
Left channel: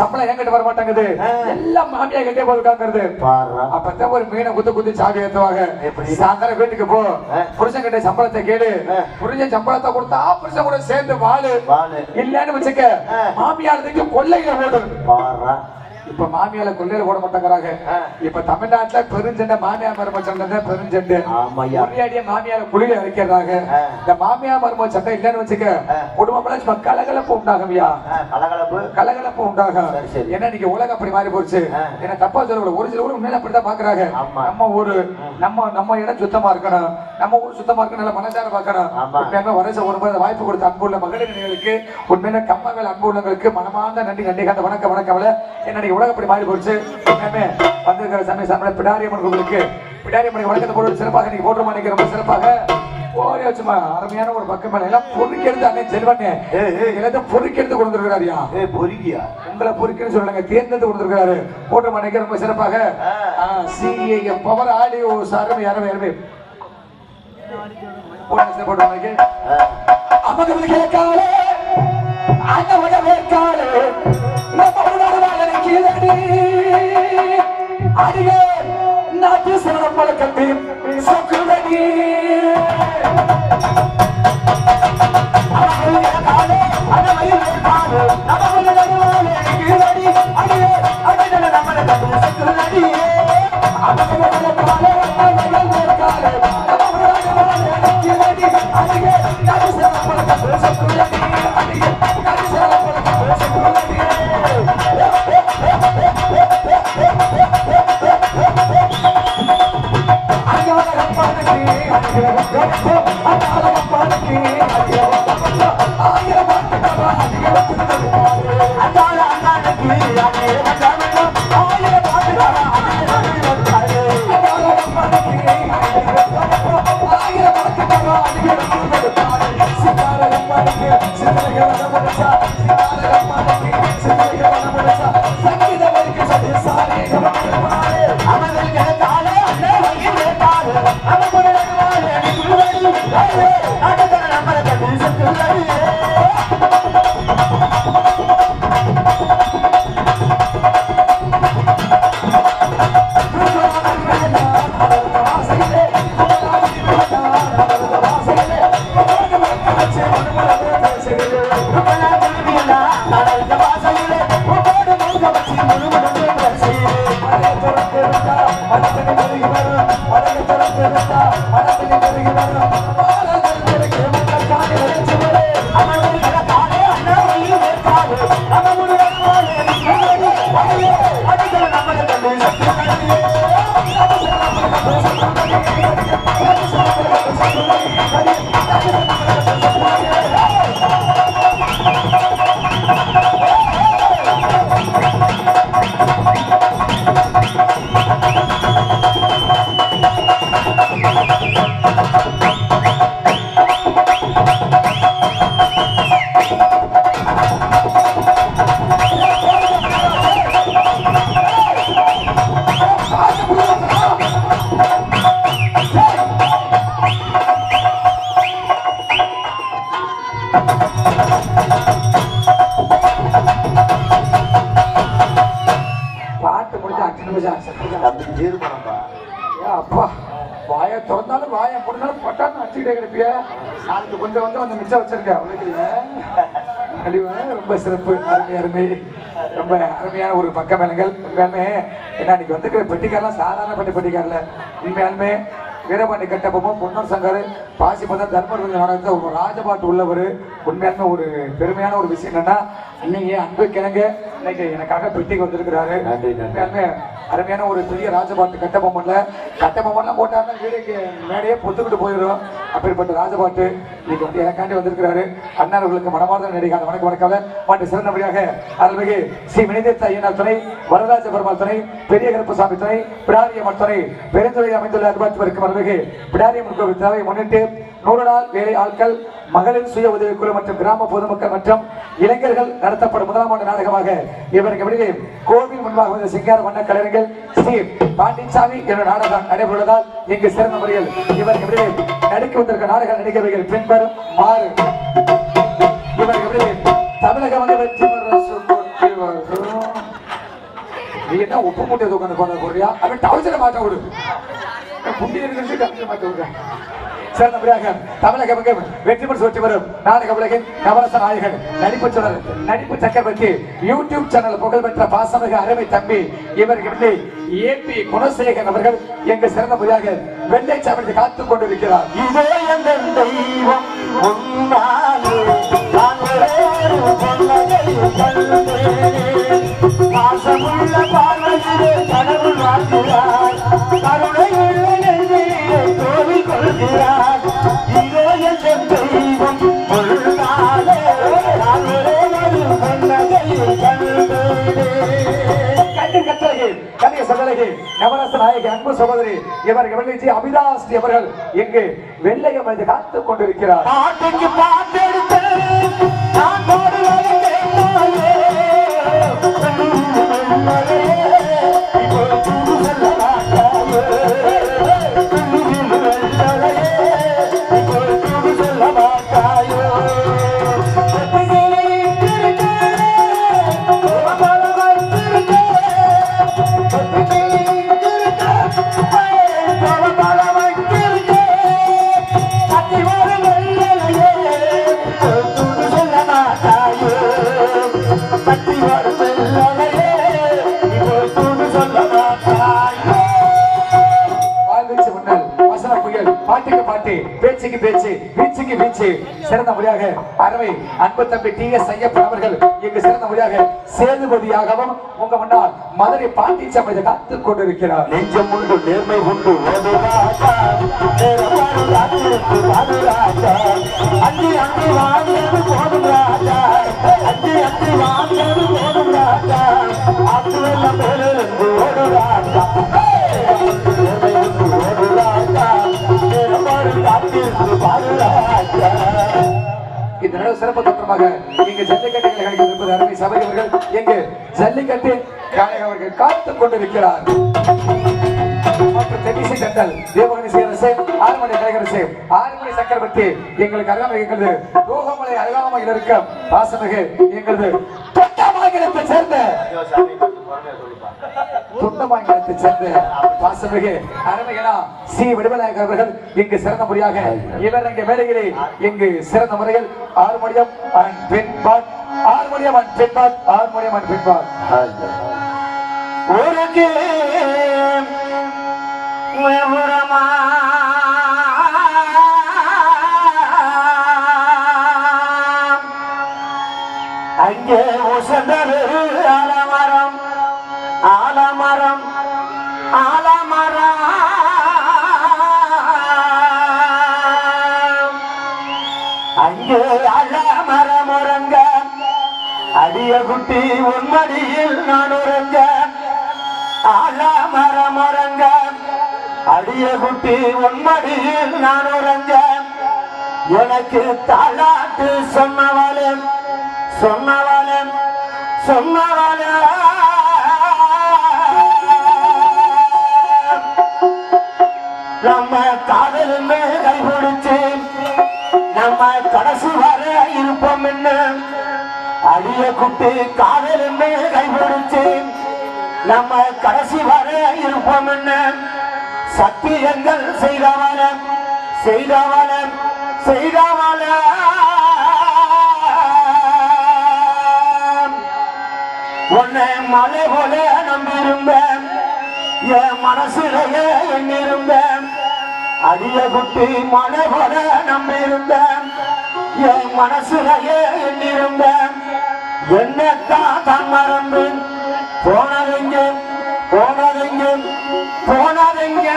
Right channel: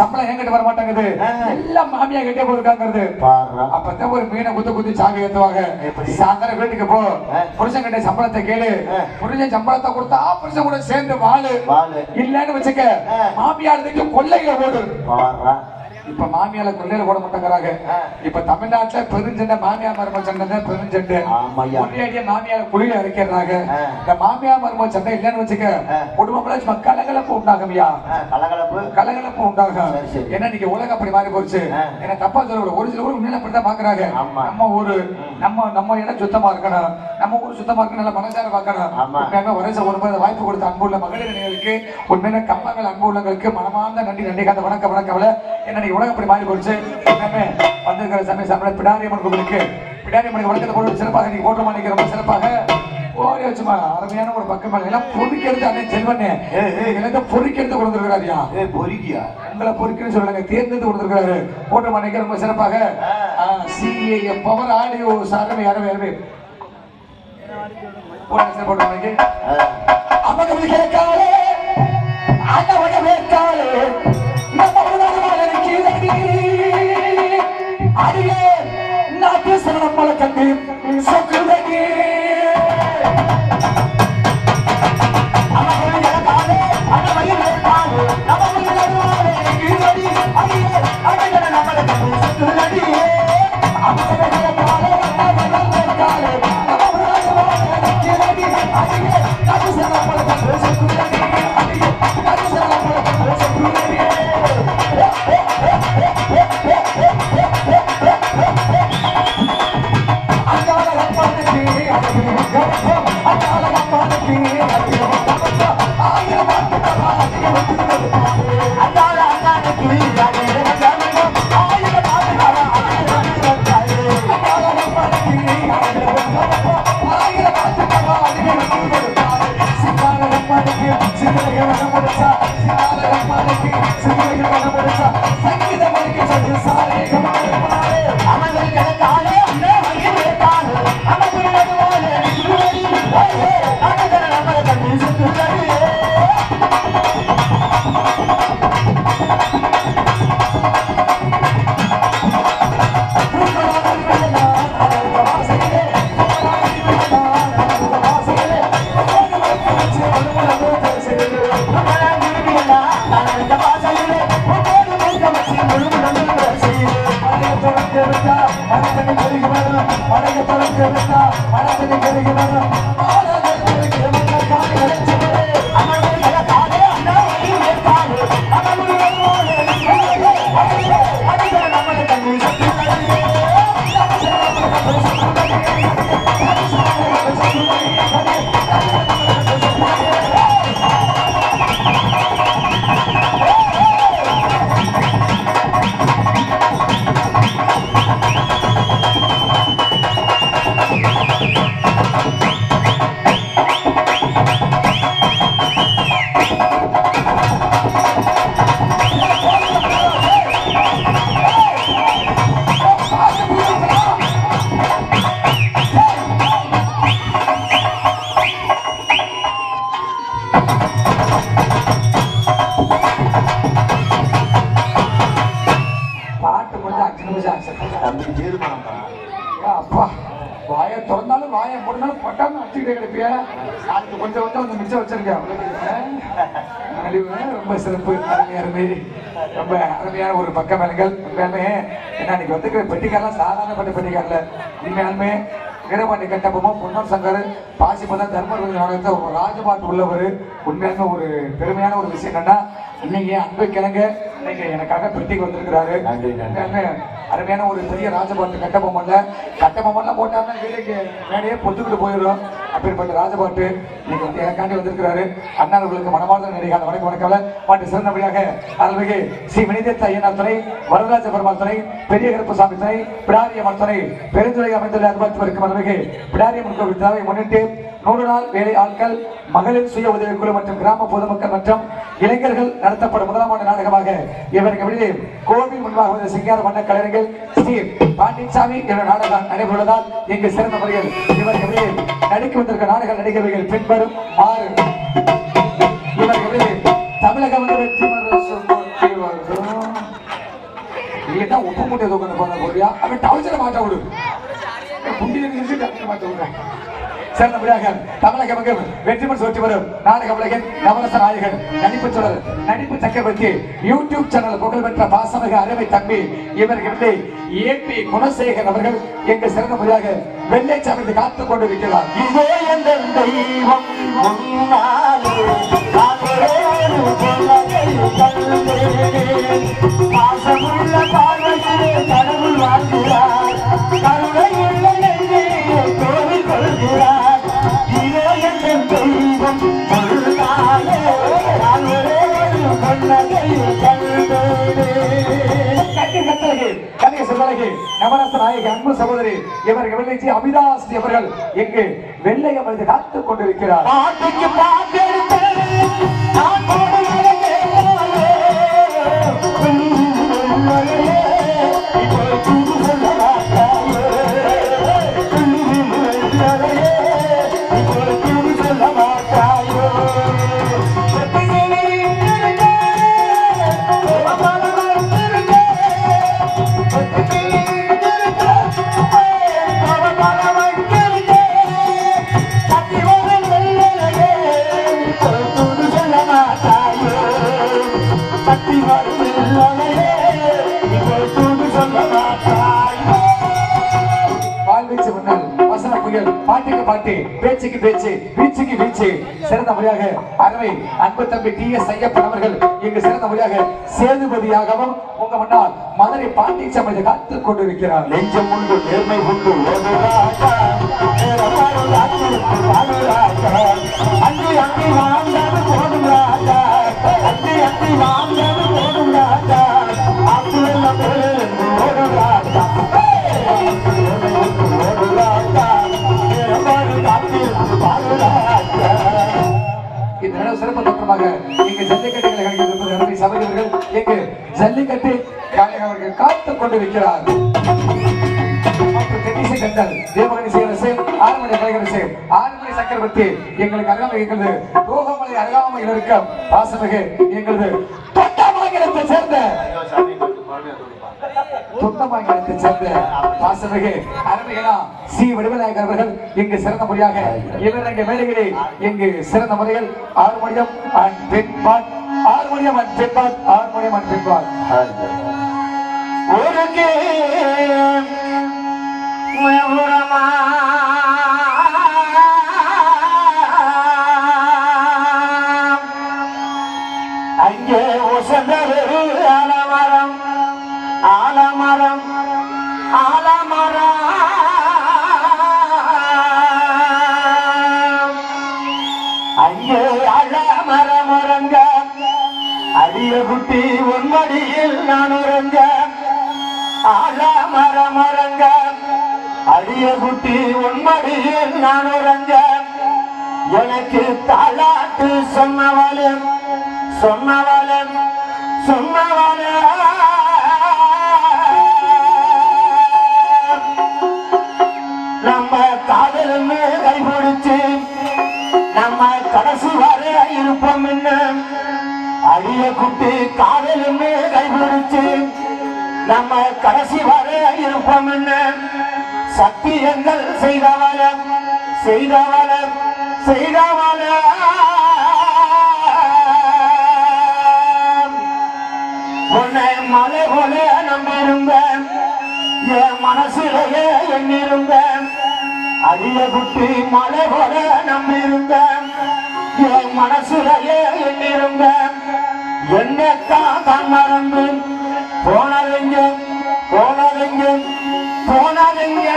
சம்பளம் என்கிட்ட வர மாட்டேங்குது. எல்லாம் மாமியா கிட்டே போயிருக்காங்கிறது. அப்பதான் ஒரு மீனை குத்தி சாவி ஏத்துவாங்க. சாயந்தரம் வீட்டுக்கு போ புருஷன் கிட்ட சம்பளத்தை கேளு. புருஷன் சம்பளத்தை கொடுத்தா புருஷன் கூட சேர்ந்து வாழு. இல்லன்னு வச்சுக்க மாமியாருக்கு கொள்ளைகள் ஓடும். இப்ப மாமியால கொள்ளையில போட மாட்டாங்கிறாங்க. இப்ப தமிழ்நாட்டுல பெருஞ்சண்டை மாமியா மரும சண்டை பெருஞ்சண்டை. ஒரேடியா மாமியால குழியில அரைக்கிறாங்க. இந்த மாமியா மரும சண்டை இல்லன்னு வச்சுக்க குடும்பம் கலகலப்பு உண்டாகும்யா. கலகலப்பு உண்டாகும். ஏன்னா நீங்க உலகம் அப்படி மாறி போச்சு. ஏன்னா தப்பா சொல்ல ஒரு சில ஊர் உண்மையில அப்படித்தான் பாக்குறாங்க. நம்ம ஊரு நம்ம இடம் சுத்தமா இருக்கணும். நம்ம ஊர் சுத்தமா இருக்கணும். நல்ல மனசார பார்க்கணும். வருஷம் ஒரு வாய்ப்பு கொடுத்த அன்புள்ள மகளிர் அணிகளுக்கு உண்மையில கம்மாவில் அன்பு உள்ளவங்களுக்கு மனமார்ந்த நன்றி. கந்த வணக்கம். என்ன உலகம் அப்படி மாறி போச்சு. வந்திருக்கிற சமய சமய பிடாரியம்மன் கோவிலுக்கு பிடாரியம்மனை வழக்கத்தை போட்டு சிறப்பாக நீங்க போட்டு மாணிக்க ரொம்ப சிறப்பாக ஓரே வச்சுமா அருமையான ஒரு பக்கம் மேல எல்லாம் பொறுக்கிறது. அண்ணன் செல்வண்ணே எல்லாத்தையும் பொறுக்கிறது கொடுத்துருக்காருயா. பொறுக்கியா உங்களை பொறுக்குன்னு சொல்லுங்க. தேர்ந்தெடுத்து கொடுத்துருக்காரு. போட்டு மாணிக்க ரொம்ப சிறப்பாக சிஏ பவர் ஆடியோ சாரமே யாருமே போட்டு மாணிக்க நாட்டு சிறப்பல கண்டு சொக்குதடி பாட்டு முடிஞ்சு 5 நிமிஷம் தம்பி தீர்மானம்பா. அப்பா வாயை திறந்தாலும் வாயை முடிஞ்சாலும் பட்டான்னு அடிச்சுக்கிட்டே கிடப்பிய அது கொஞ்சம் வந்து மிச்சம் வச்சிருக்கேன் அழிவு ரொம்ப சிறப்பு அருமை ரொம்ப அருமையான ஒரு பக்க மேலங்கள் உண்மையாலுமே ஏன்னா இன்னைக்கு வந்துக்கிற பெட்டிக்காரெல்லாம் சாதாரணப்பட்ட பெட்டிக்காரில் உண்மையாலுமே வீரபாண்டி கட்டப்பமும் பொன்னூர் சங்கர் பாசிமதம் தர்மபுரி நடந்த ஒரு ராஜபாட்டு உள்ளவர் உண்மையாலுமே ஒரு பெருமையான ஒரு விஷயம் என்னன்னா இன்னைக்கு அன்பு கிழங்க இன்னைக்கு எனக்காக பெட்டிக்கு வந்திருக்கிறாரு உண்மையாலுமே அருமையான ஒரு பெரிய ராஜபாட்டு கட்டபொம்மன்ல போட்டாருன்னா வீடுக்கு மேடையே பொத்துக்கிட்டு போயிடும் அப்படிப்பட்ட ராஜபாட்டு இன்னைக்கு வந்து எனக்காண்டி வந்திருக்கிறாரு அண்ணார்களுக்கு மனமார்ந்த நடிகாத வணக்கம் மற்றும் சிறந்தபடியாக அருள்மிகு ஸ்ரீ வினிதேத்த ஐயனார் துணை வரதராஜ பெருமாள் துணை பெரிய கருப்பசாமி துணை பிடாரியம்மன் துணை பெருந்துறை அமைந்துள்ள அருள்வாட்சி அருள்மிகு பிடாரியம்மன் கோவில் விழாவை முன்னிட்டு 100 நாள் வேலை ஆட்கள் மகளிர் சுய உதவிக்குழு மற்றும் கிராம பொதுமக்கள் மற்றும் இளைஞர்கள் நடத்தப்படும் முதலாம் ஆண்டு நாடகமாக இவருக்கு வெளியே கோவில் முன்பாக வந்த சிங்கார மன்ன கலைஞர்கள் ஸ்ரீ பாண்டிச்சாமி என்ற நாடகம் நடைபெறுவதால் இங்கு சிறந்த முறையில் இவருக்கு வெளியே நடிக்க வந்திருக்க நாடக நடிகர்கள் பின்வரும் 6 இவருக்கு வெளியே தமிழக வந்து வெற்றி நீ என்ன உப்பு மூட்டை தூக்கணும் போன போறியா அவன் டவுசரை மாற்ற விடு குண்டி மாற்ற விடுறேன் சிறந்தபடியாக தமிழக மக்கள் வெற்றி பெற்று வரும் நாடக உலகின் நவரச நாயகன் நடிப்பு சக்கரவர்த்தி யூடியூப் சேனல் புகழ்பெற்ற பாசமிகு அருமை தம்பி இவர்களுக்கு ஏபி குணசேகர் அவர்கள் எங்கு சிறந்தபடியாக வெள்ளை சமைத்து காத்துக் கொண்டிருக்கிறார். இதோ எங்கள் தெய்வம் முன்னாலே கடவுள் வாழ்கிறார் கருணையுள்ள நெஞ்சிலே கோவில் கொள்கிறார். இதோ எங்கள் தெய்வம் கொள்ளாதே நாங்களே ஒரு கொள்ளை கண்ணிய சகோதரி நவரச நாயகி அன்பு சகோதரி இவர்கள் வெள்ளைச்சி அபிதாஸ் அவர்கள் எங்கு வெள்ளை அமைந்து காத்துக் கொண்டிருக்கிறார். பாட்டுக்கு பாட்டு பேச்சுக்கு பேச்சு வீச்சுக்கு வீச்சு சிறந்த முறையாக அருமை அன்பு தம்பி டி.எஸ். ஐயப்பன் அவர்கள் இங்கு சிறந்த முறையாக சேதுபதியாகவும் உங்க முன்னால் மதுரை பாண்டிச்சமையை காத்துக் கொண்டிருக்கிறார். நெஞ்சம் உண்டு நேர்மை உண்டு இந்த சிறப்பு தோற்றமாக இங்கு ஜல்லிக்கட்டு இருப்பது அருமை சபையவர்கள் இங்கு ஜல்லிக்கட்டு அவர்கள் காத்துக் கொண்டிருக்கிறார். சக்கரவர்த்தி எங்களுக்கு அருகாமையில் இருக்கும் பாசமிகு எங்களது தொட்டமாகிடத்தை சேர்ந்த பாசமிகு அருமையா ஸ்ரீ விடுதலைநாயகர் அவர்கள் இங்கு சிறந்த முறையாக இவர் எங்க மேடைகளே இங்கு சிறந்த முறையில் Arumaniyam and பெண்பாட் Arumaniyam and பெண்பாட் Arumaniyam and பெண்பாட் மபுரமா அங்கே உசந்தது ஆலமரம் ஆலமரம் ஆலமரம் அங்கே ஆலமரம் உறங்க அடிய குட்டி உன்மடியில் நான் உறங்க ஆலமரம் உறங்க அடிய குட்டி உன்மடியில் நான் உறங்க எனக்கு தாலாட்டு சொன்னவளே சொன்னவளன் சொன்னவளன் நம்ம காதல் கைபிடிச்சு நம்ம கடைசி வர இருப்போம் என்ன அடிய குட்டி காதல் கைபிடிச்சு நம்ம கடைசி வர இருப்போம் என்ன சத்தியங்கள் செய்தவளன் செய்தவளன் செய்தவளன் உன்னை மலை போல நம்பியிருந்தேன் என் மனசிலேயே எண்ணிருந்தேன் அடிய குட்டி மலை போல நம்பியிருந்தேன் என் மனசிலேயே எண்ணிருந்தேன் என்னத்தான் தான் மறந்து போனதுங்க போனதுங்க போனதுங்க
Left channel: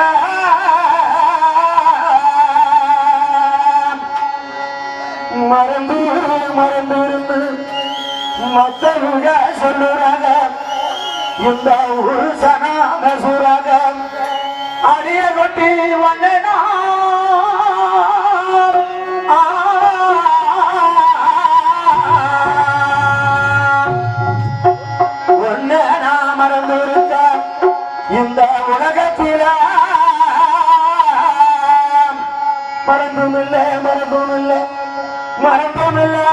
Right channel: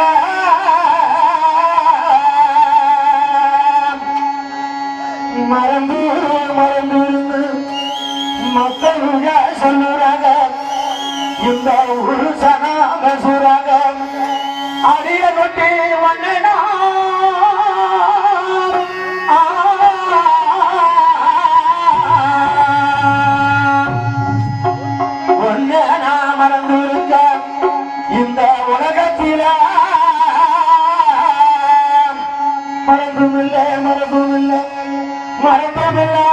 மறந்து மறந்து மக்களுங்க சொல்லுறாங்க இந்த ஒரு சனாம சுராக அடிய குட்டி வந்தனா ஒன்னு நான் மறந்து இருக்க இந்த உலகத்தில மறந்துமில்லை மறந்துமில்லை மறந்துமில்லை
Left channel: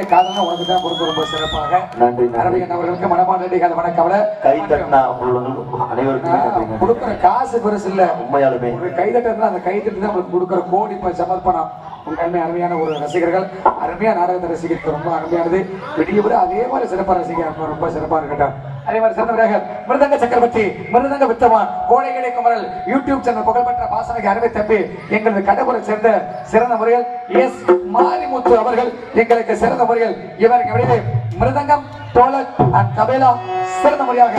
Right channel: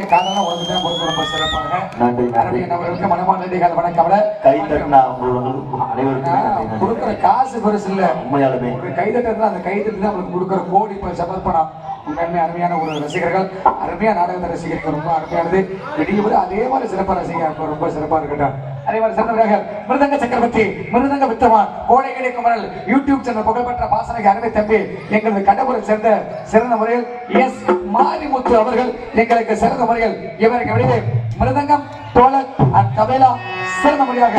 வார்த்தையை காரணம் உனக்கு தான் கொடுக்க ரொம்ப சிறப்பாக நன்றி நிறைய நம்மளுக்கு மனமான நன்றிகள் வணக்கம் கை தட்டினா அனைவருக்கும் கொடுக்குற காசு பெருசு இல்ல உண்மையாலுமே ஒரு கைதட்டு அந்த கைதட்டு தான் உங்களுக்கு கொடுக்குற கோடி சமர்ப்பணம் உண்மையுமே அருமையான ஒரு ரசிகர்கள் அருமையா நாடகத்தை ரசிகர்கள் ரொம்ப அருமையானது வெளியூர் அதே மாதிரி சிறப்பா ரசிகர் ரொம்ப சிறப்பா இருக்கட்டும் அதே மாதிரி சிறந்தவராக மிருதங்க சக்கரவர்த்தி மிருதங்க வித்தவான் கோடைகளை குமரல் யூடியூப் சேனல் புகழ்பெற்ற வாசனைக்கு அருமை தம்பி எங்களது கடவுளை சேர்ந்த சிறந்த முறையில் எஸ் மாரிமுத்து அவர்கள் எங்களுக்கு சிறந்த முறையில் இவருக்கு வெளியே மிருதங்கம் தோழர் அண்ட் தபேலா சிறந்த முறையாக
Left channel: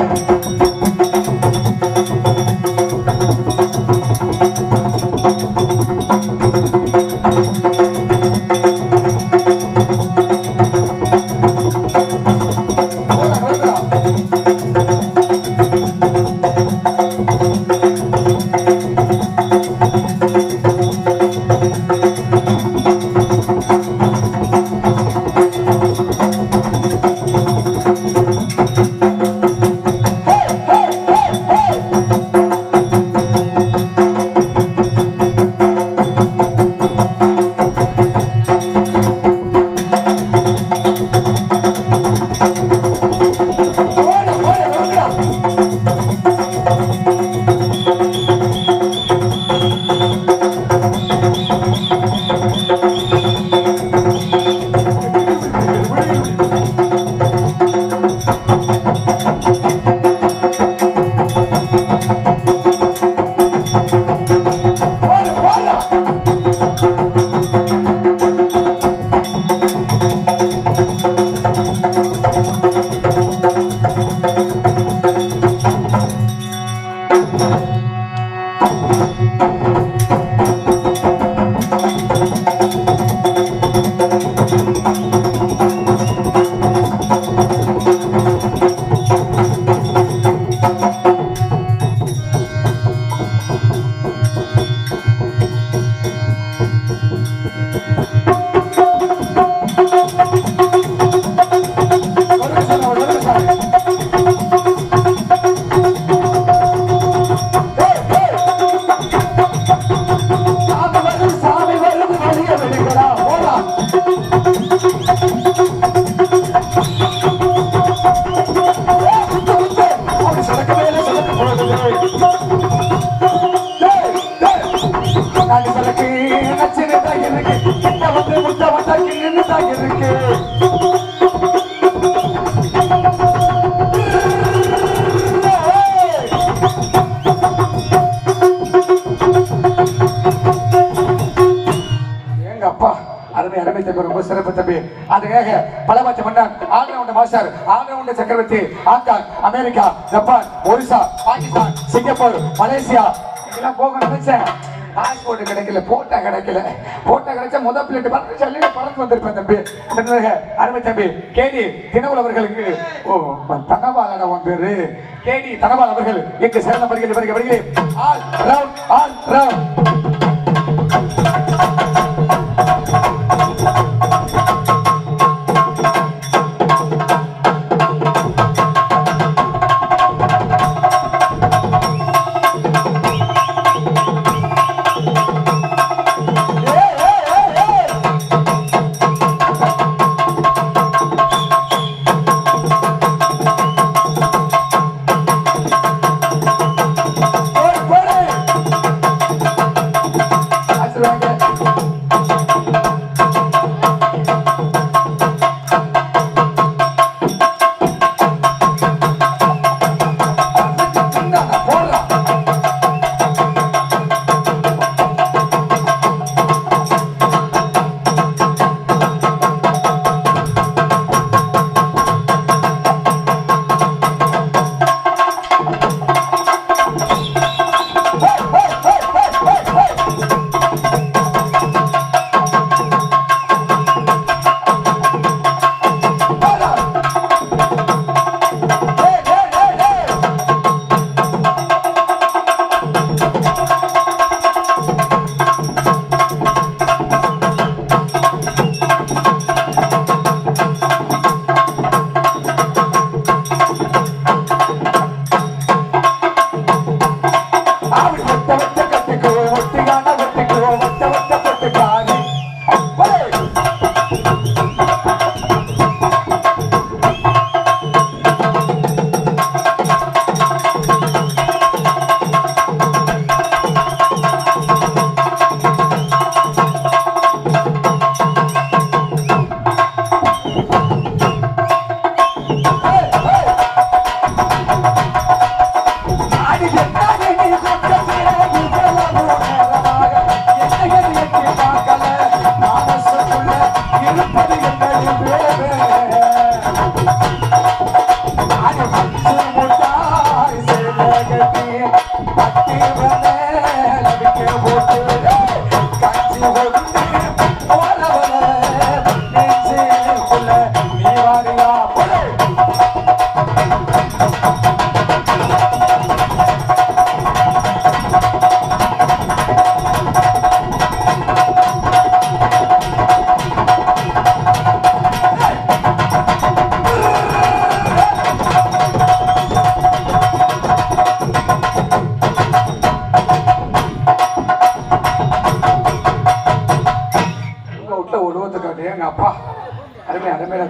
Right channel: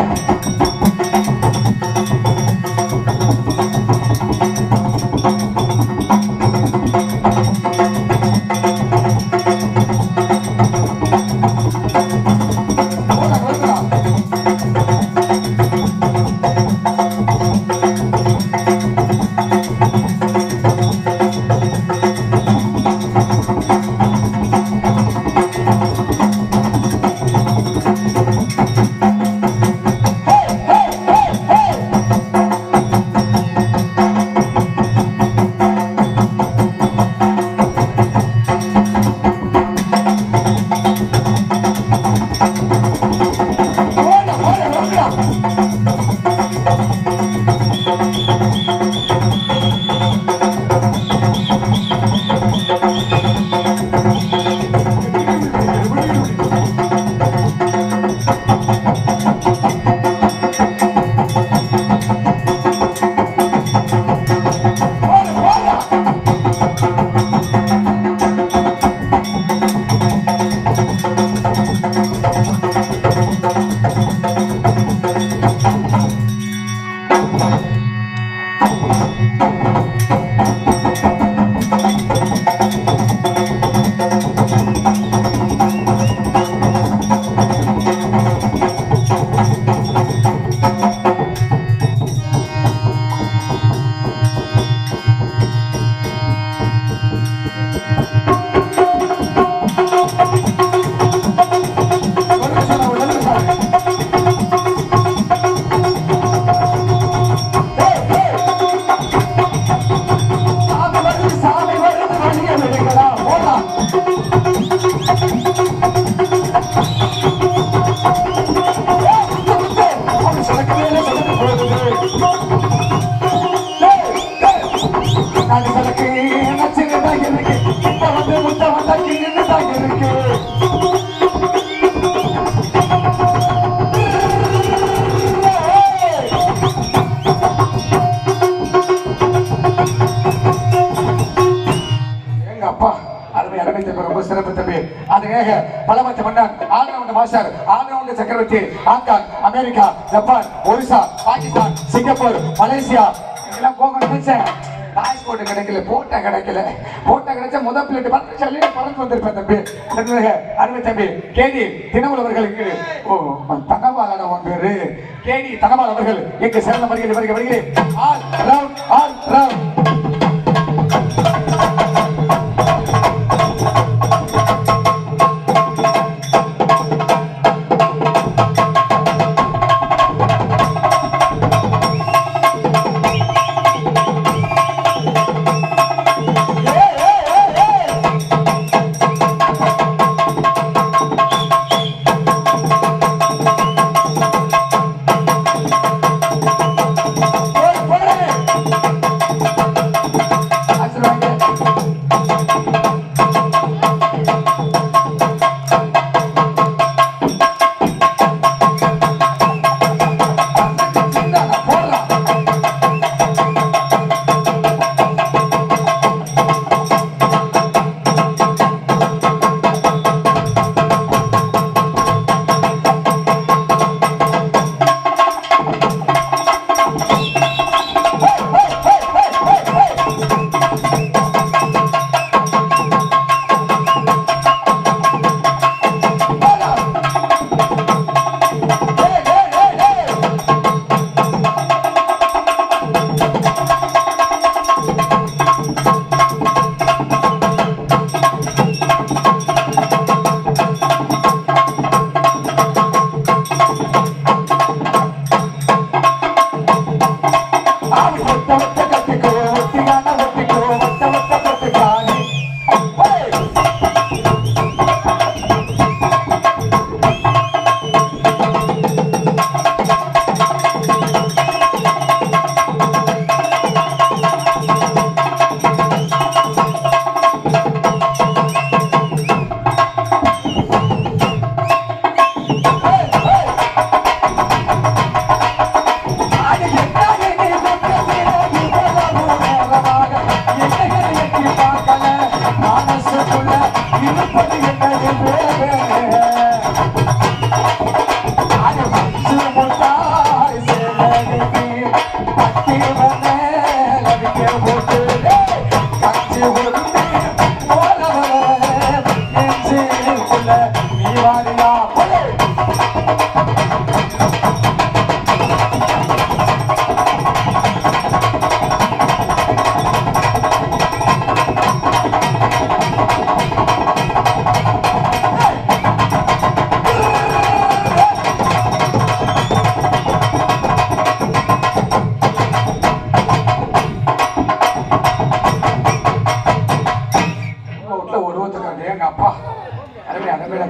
சக்கரவர்த்தி Hong Kong America Japan Orissa Pakistan Singapore Malaysia இதெல்லாம் போக நினைச்சேன் பாஸ்போர்ட் கிடைக்கல போட்டா கிடைச்சா முதல் பிளேட் பறந்து வந்திருப்பேன் தம்பி அருமை தம்பி கேடி தினவல் அவர்களுக்கு தனபால் அவன் பேரு கேடி தனபால் அவர்கள் எங்கு சிறந்த முறையில் இவருக்கு வருகிறேன் ஆல் ரவுண்ட்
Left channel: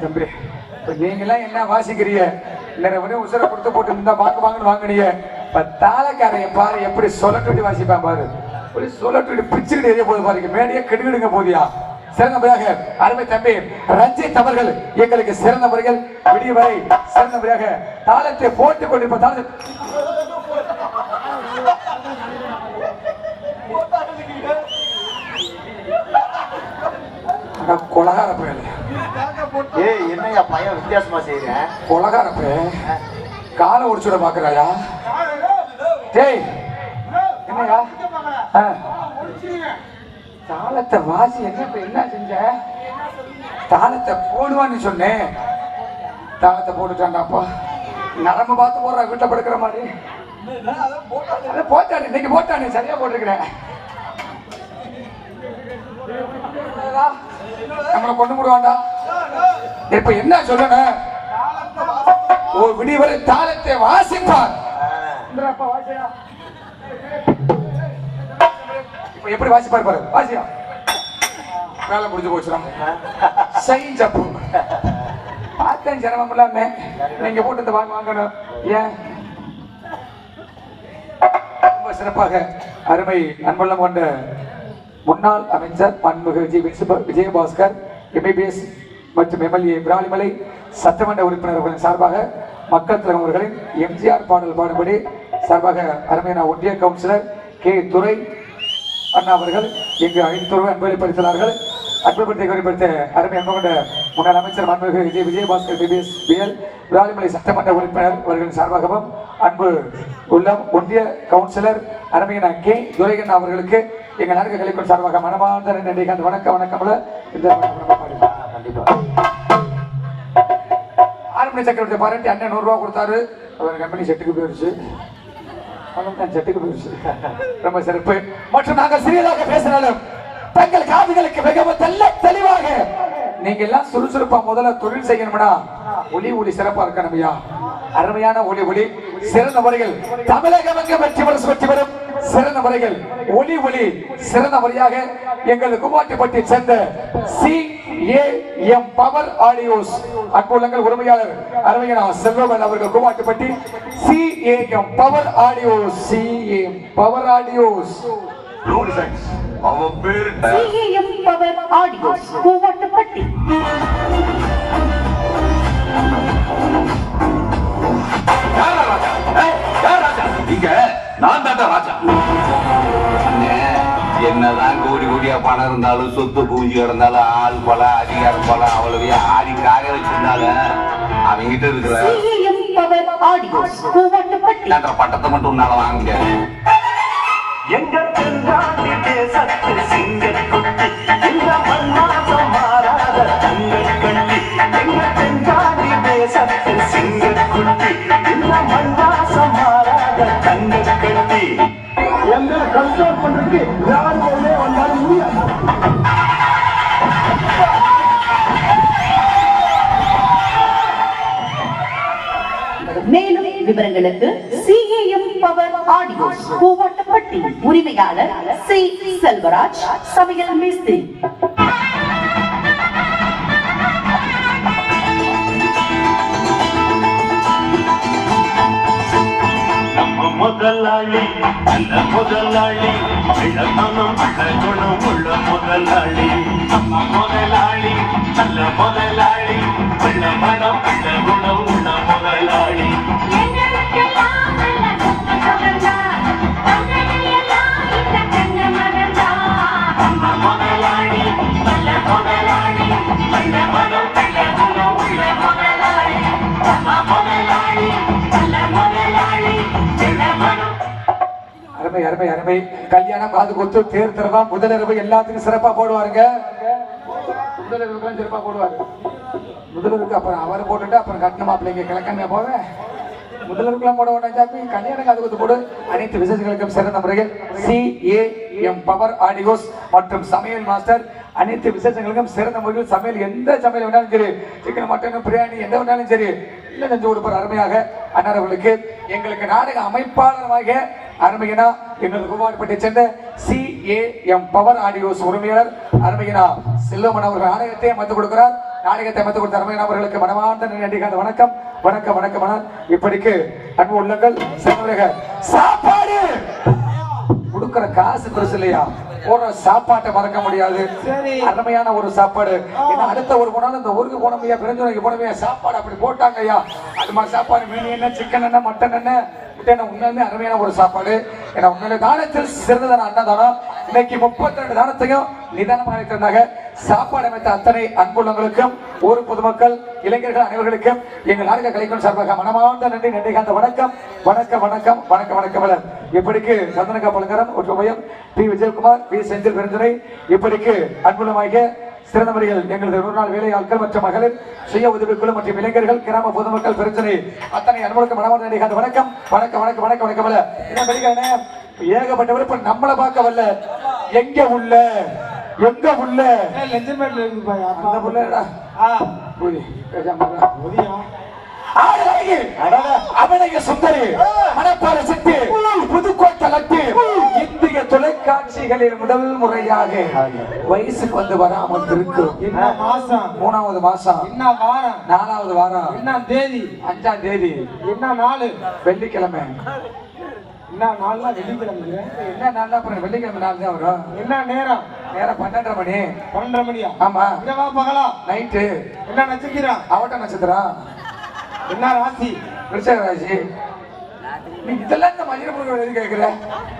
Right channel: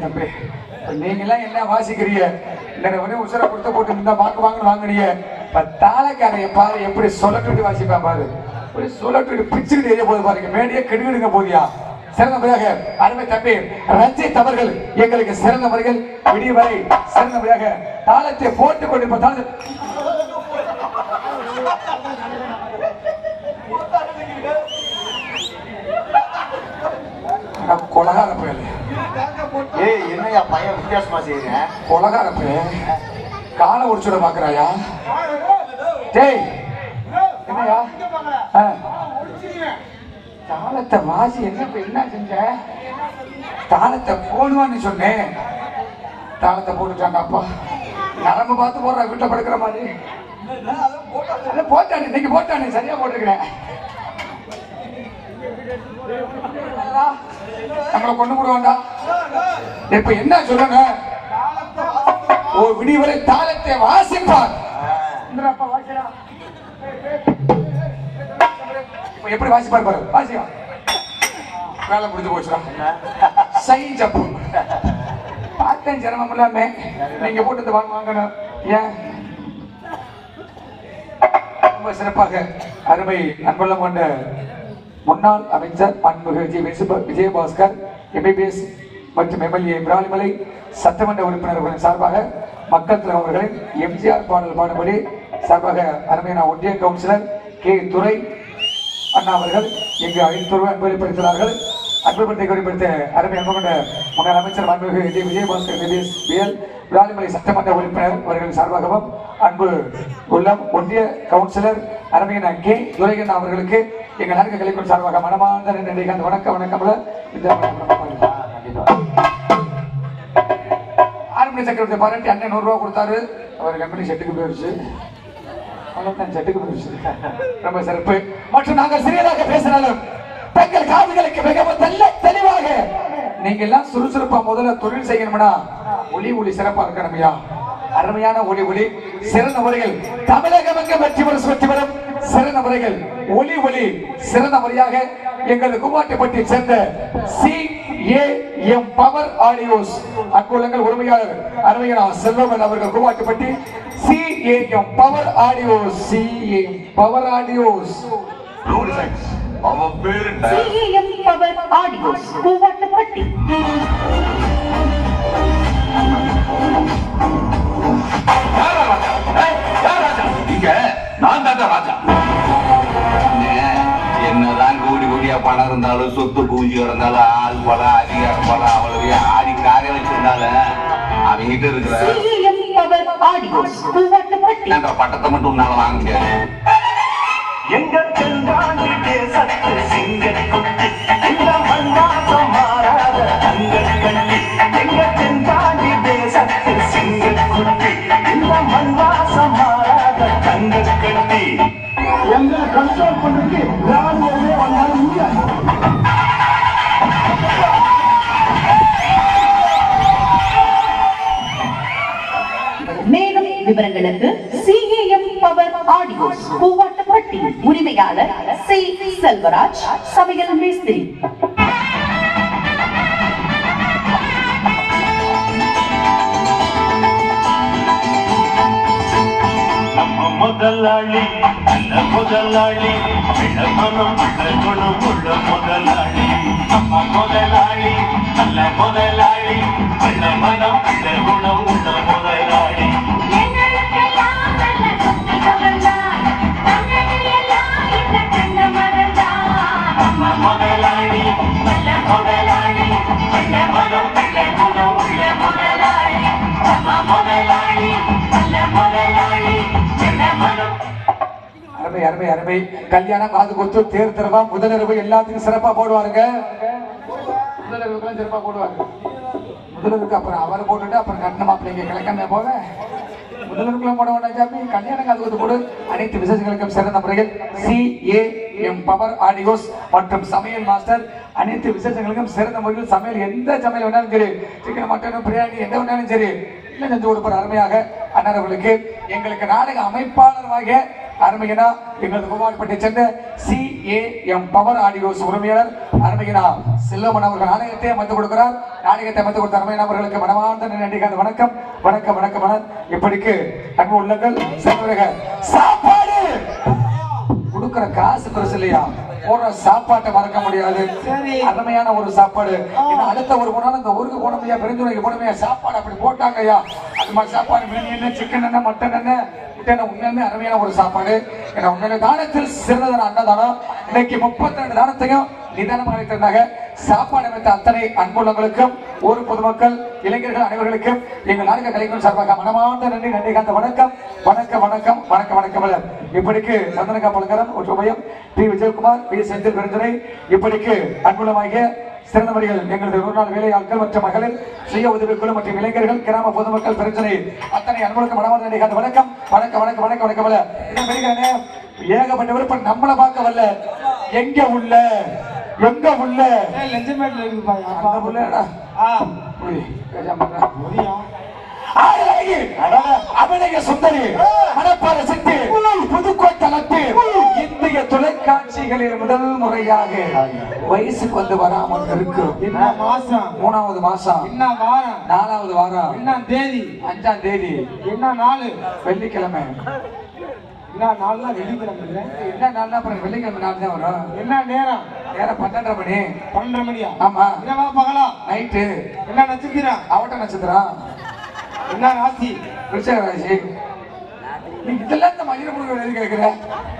தம்பி. இப்ப நீங்க எல்லாம் என்ன வாசிக்கிறீங்க? இல்ல உசுர கொடுத்து போட்டு இந்த வாங்கினீங்க. தாளக்காரைய பாரு எப்படி சொல்லட்டு வாசிப்பான் பாரு. இப்படி சொல்லட்டு பிச்சுக்கிட்டு எரிய போது பாருங்க. மேடையே கெடுவிடுங்க போதியா. சிறந்தவராக அருமை தம்பி ரஞ்சித் அவர்கள் எங்களுக்கு சிறந்தவர்கள். விடிவரை சிறந்தவராக தாளத்தை போட்டுக் கொண்டு கொலகார பேர். ஏய் என்னையா பையன் வித்தியாசமா செய்யறேன்? கொலகார பேர் காலை உடிச்சுட பாக்குறாயா? டேய் என்னையா தாளத்தை வாசி என்ன செஞ்ச? தாளத்தை போடுவான்னு சொன்னேன். தாளத்தை போட்டுட்டாங்கப்பா. நரம்பு பார்த்து போடுற வீட்டுல படுக்கிற மாதிரி போட்டானே. இன்னைக்கு போட்டானே சரியா போட்டிருக்கிறேன். கொண்டு போடுவாண்டா. இப்ப என்ன சொல்லுங்க? விடிவரை தாளத்தை வாசிப்பார். எப்படி வாசிப்பார் பாரு. வாசியா வேலை முடிஞ்சு போச்சு. சைஞ்சப்பு பார்த்தேன் சிரமம் இல்லாம நீங்க போட்டு வாங்கணும். ஏன் ரொம்ப சிறப்பாக அருமை அன்புள்ளம் கொண்ட முன்னாள் அமைச்சர் அன்புகர்ஜி விஜயபாஸ்கர் எம்பிபிஎஸ் மற்றும் எம்எல்ஏ விராலிமலை சட்டமன்ற உறுப்பினர்களின் சார்பாக மக்கள் தலைவர் அவர்களின் எம்ஜிஆர் பாடல் பாடுபடி சார்பாக அருமையான ஒன்றிய கவுன்சிலர் கே துரை அண்ணா அவர்கள் இங்கு 5 ரூபாய் அன்பளி பரிந்துள்ளார்கள். அன்புபத்தை குறிப்பிட்ட அருமை அன்பு கொண்ட முன்னாள் அமைச்சர் அன்புகர்ஜி விஜயபாஸ்கர் எம்பிபிஎஸ் பிஎல் விராலிமலை சட்டமன்ற உறுப்பினர் அவர்களின் சார்பாகவும் அன்பு உள்ளம் ஒன்றிய கவுன்சிலர் அருமையான கே துரைகண்ணா அவர்களுக்கு எங்கள் நான்கு கலைப்பின் சார்பாக மனமார்ந்த நன்றி. வணக்கம் வணக்கம்ல. ஆறுமணி சக்கரவர்த்தி பாராட்டி அண்ணன் 100 ரூபாய் கொடுத்தாரு. அவர் கம்பெனி செட்டுக்கு போயிடுச்சு. செட்டுக்கு போயிடுச்சு. ரொம்ப சிறப்பு. மற்றும் நாங்கள் சிறியதாக பேசினாலும் தங்கள் காதுகளுக்கு மிகவும் தெளிவாக நீங்க எல்லாம் சுறுசுறுப்பா முதல்ல தொழில் செய்யணும்னா ஒளி சிறப்பா இருக்கணுமையா. அருமையான ஒளி சிறந்த முறையில் தமிழக வெற்றி பெறும் சிறந்த முறைகள் ஒளி சிறந்த முறையாக எங்கள் குமாட்டிப்பட்டி சேர்ந்த CAM பவர் ஆடியோஸ் அன்புள்ளங்கள் உரிமையாளர் அருமையான செல்வமன் அவர்கள் Kumattipatti CAM power audios. CAM power audios CAM power audios Kumattipatti. நான் தான் ராஜா. என்னதான் கூடியா பணம் இருந்தாலும் சொத்து பூஞ்சி இருந்தாலும் ஆள் போல அதிகாரம் போல அவளுடைய ஆடி காரை வச்சிருந்தாலும் அவங்கிட்ட இருக்கிற பட்டத்தை மட்டும் உன்னால வாங்க முடியாது. எங்க தென்றாண்டி தேசத்து சிங்கக்குட்டி இந்த மண்ணாசம் மாறாத தங்கக்கட்டி. எங்க தென்றாண்டி தேசத்து சிங்கக்குட்டி இந்த மண்ணாசம் மாறாத தங்கக்கட்டி. எங்களை கண்ட்ரோல் பண்றதுக்கு யாருமே வந்தாலும் முடியாது. மேலும் விவரங்களுக்கு CAM பவர் ஆடியோஸ் பூவாட்டப்பட்டி உரிமையாளர் C. செல்வராஜ் சமையல் மேஸ்திரி. முதலாளி நல்ல முதலாளி இளமனம் குணம் உள்ள முதலாளி. நம்ம முதலாளி நல்ல முதலாளி இளமனம் குணம் உள்ள முதலாளி. அருமை கல்யாணம் காது கொடுத்து தேர் திறவம் முதலிரவு எல்லாத்துக்கும் சிறப்பா போடுவாருங்க. முதலிரவுக்கு சிறப்பா போடுவாரு. முதலிரவுக்கு அப்புறம் அவரை போட்டுட்டு அப்புறம் கட்டண மாப்பிள்ளைங்க கிழக்கண்ண போவேன். முதலிரவுக்குலாம் போட வேண்டாம் சாமி. கல்யாணம் காது கொடுத்து போடு. அனைத்து விசேஷங்களுக்கும் சிறந்த முறையில் CAM பவர் ஆடியோஸ் மற்றும் சமையல் மாஸ்டர் அனைத்து விசேஷங்களுக்கும் சிறந்த முறையில் சமையல் எந்த சமையல் வேணாலும் சரி, சிக்கன் மட்டன் பிரியாணி எந்த வேணாலும் சரி இல்லை செஞ்சு கொடுப்பார். அருமையாக அண்ணாரவர்களுக்கு எங்களுக்கு நாடக அமைப்பாளராக அருமையனா எங்களுக்கு குமாரப்பட்டை சேர்ந்த CAM பவர் ஆடியோஸ் உரிமையாளர் அருமையனா செல்வமன் அவர்கள் ஆணையத்தை அமைத்து கொடுக்கிறார். நாடகத்தை அமைத்து கொடுத்த அருமை நபர்களுக்கு மனமார்ந்த நன்றி. வணக்கம் வணக்கம் வணக்கம் மன இப்படிக்கு அன்பு உள்ளங்கள் செல்வர்கள் சாப்பாடு கொடுக்கிற காசு பெருசு இல்லையா, ஒரு சாப்பாட்டை மறக்க முடியாது. அருமையான ஒரு சாப்பாடு. இன்னும் அடுத்த ஒரு குணம் இந்த ஊருக்கு போனமையா, பெருந்துறைக்கு போனமையா, சாப்பாடு அப்படி போட்டாங்க ஐயா. அது மாதிரி சாப்பாடு மீன் என்ன, சிக்கன் என்ன, மட்டன் என்ன, உண்மையுமே அருமையான ஒரு சாப்பாடு. ஏன்னா உண்மையிலே தானத்தில் சிறந்ததான அன்னதானம். இன்னைக்கு 32 தானத்தையும் நிதானமாக அளித்திருந்தாங்க. சாப்பாடு அமைத்த அத்தனை அன்புள்ளவர்களுக்கும் ஊர் பொதுமக்கள் இளைஞர்கள் அனைவர்களுக்கும் எங்கள் நாடக கலைஞர் சார்பாக மனமார்ந்த நன்றி. நன்றி கந்த வணக்கம் வணக்கம் வணக்கம் வணக்கம் வணக்கம். இப்படிக்கு சந்தனகா பலங்கரம் ஒற்றுமையும் பி விஜயகுமார், பி செந்தில் பெருந்துரை, இப்படிக்கு அன்புள்ளமாகிய சிறந்த முறைகள் எங்களது 100 நாள் வேலை ஆட்கள் மற்றும் மகளிர் சுய உதவிக்குழு மற்றும் இளைஞர்கள் கிராம பொதுமக்கள் பிரச்சனை அத்தனை அன்புகளுக்கு மனமார்ந்த நன்றி. வணக்கம் வணக்கம் வணக்கம் வணக்கம் வணக்கம். ஏகப்பட்ட விருப்ப நம்மளை பார்க்க வரல, எங்க உள்ள எங்க உள்ள லெஞ்சமேட்ல இருக்குப்பா. அந்த புள்ளடா அபிநய சுந்தரி மணப்பாற சித்தி புதுக்கோட்டை லட்டு இந்திய தொலைக்காட்சிகளில் முதல் முறையாக வயசுக்கு வந்து வராமல் இருக்கு. மாசம் 3வது மாசம், என்ன வாரம், 4வது வாரம், என்ன தேதி, 5ஆம் தேதி, என்ன நாள், வெள்ளிக்கிழமை. என்ன நாள்னா வெள்ளிக்கிழமை, என்ன நாள்னா அப்புறம் வெள்ளிக்கிழமை நாள் தான் வரும். என்ன நேரம், நேரம் 12:30 மணி. 12:30 மணியா? ஆமா. இரவா பகலா? நைட்டு. என்ன நட்சத்திரம்? அவட்ட நட்சத்திரம். என்ன ராசி? விருச்சக ராசி. நீ இதெல்லாம் இந்த மனித பொருள் எழுதி கேட்கிற,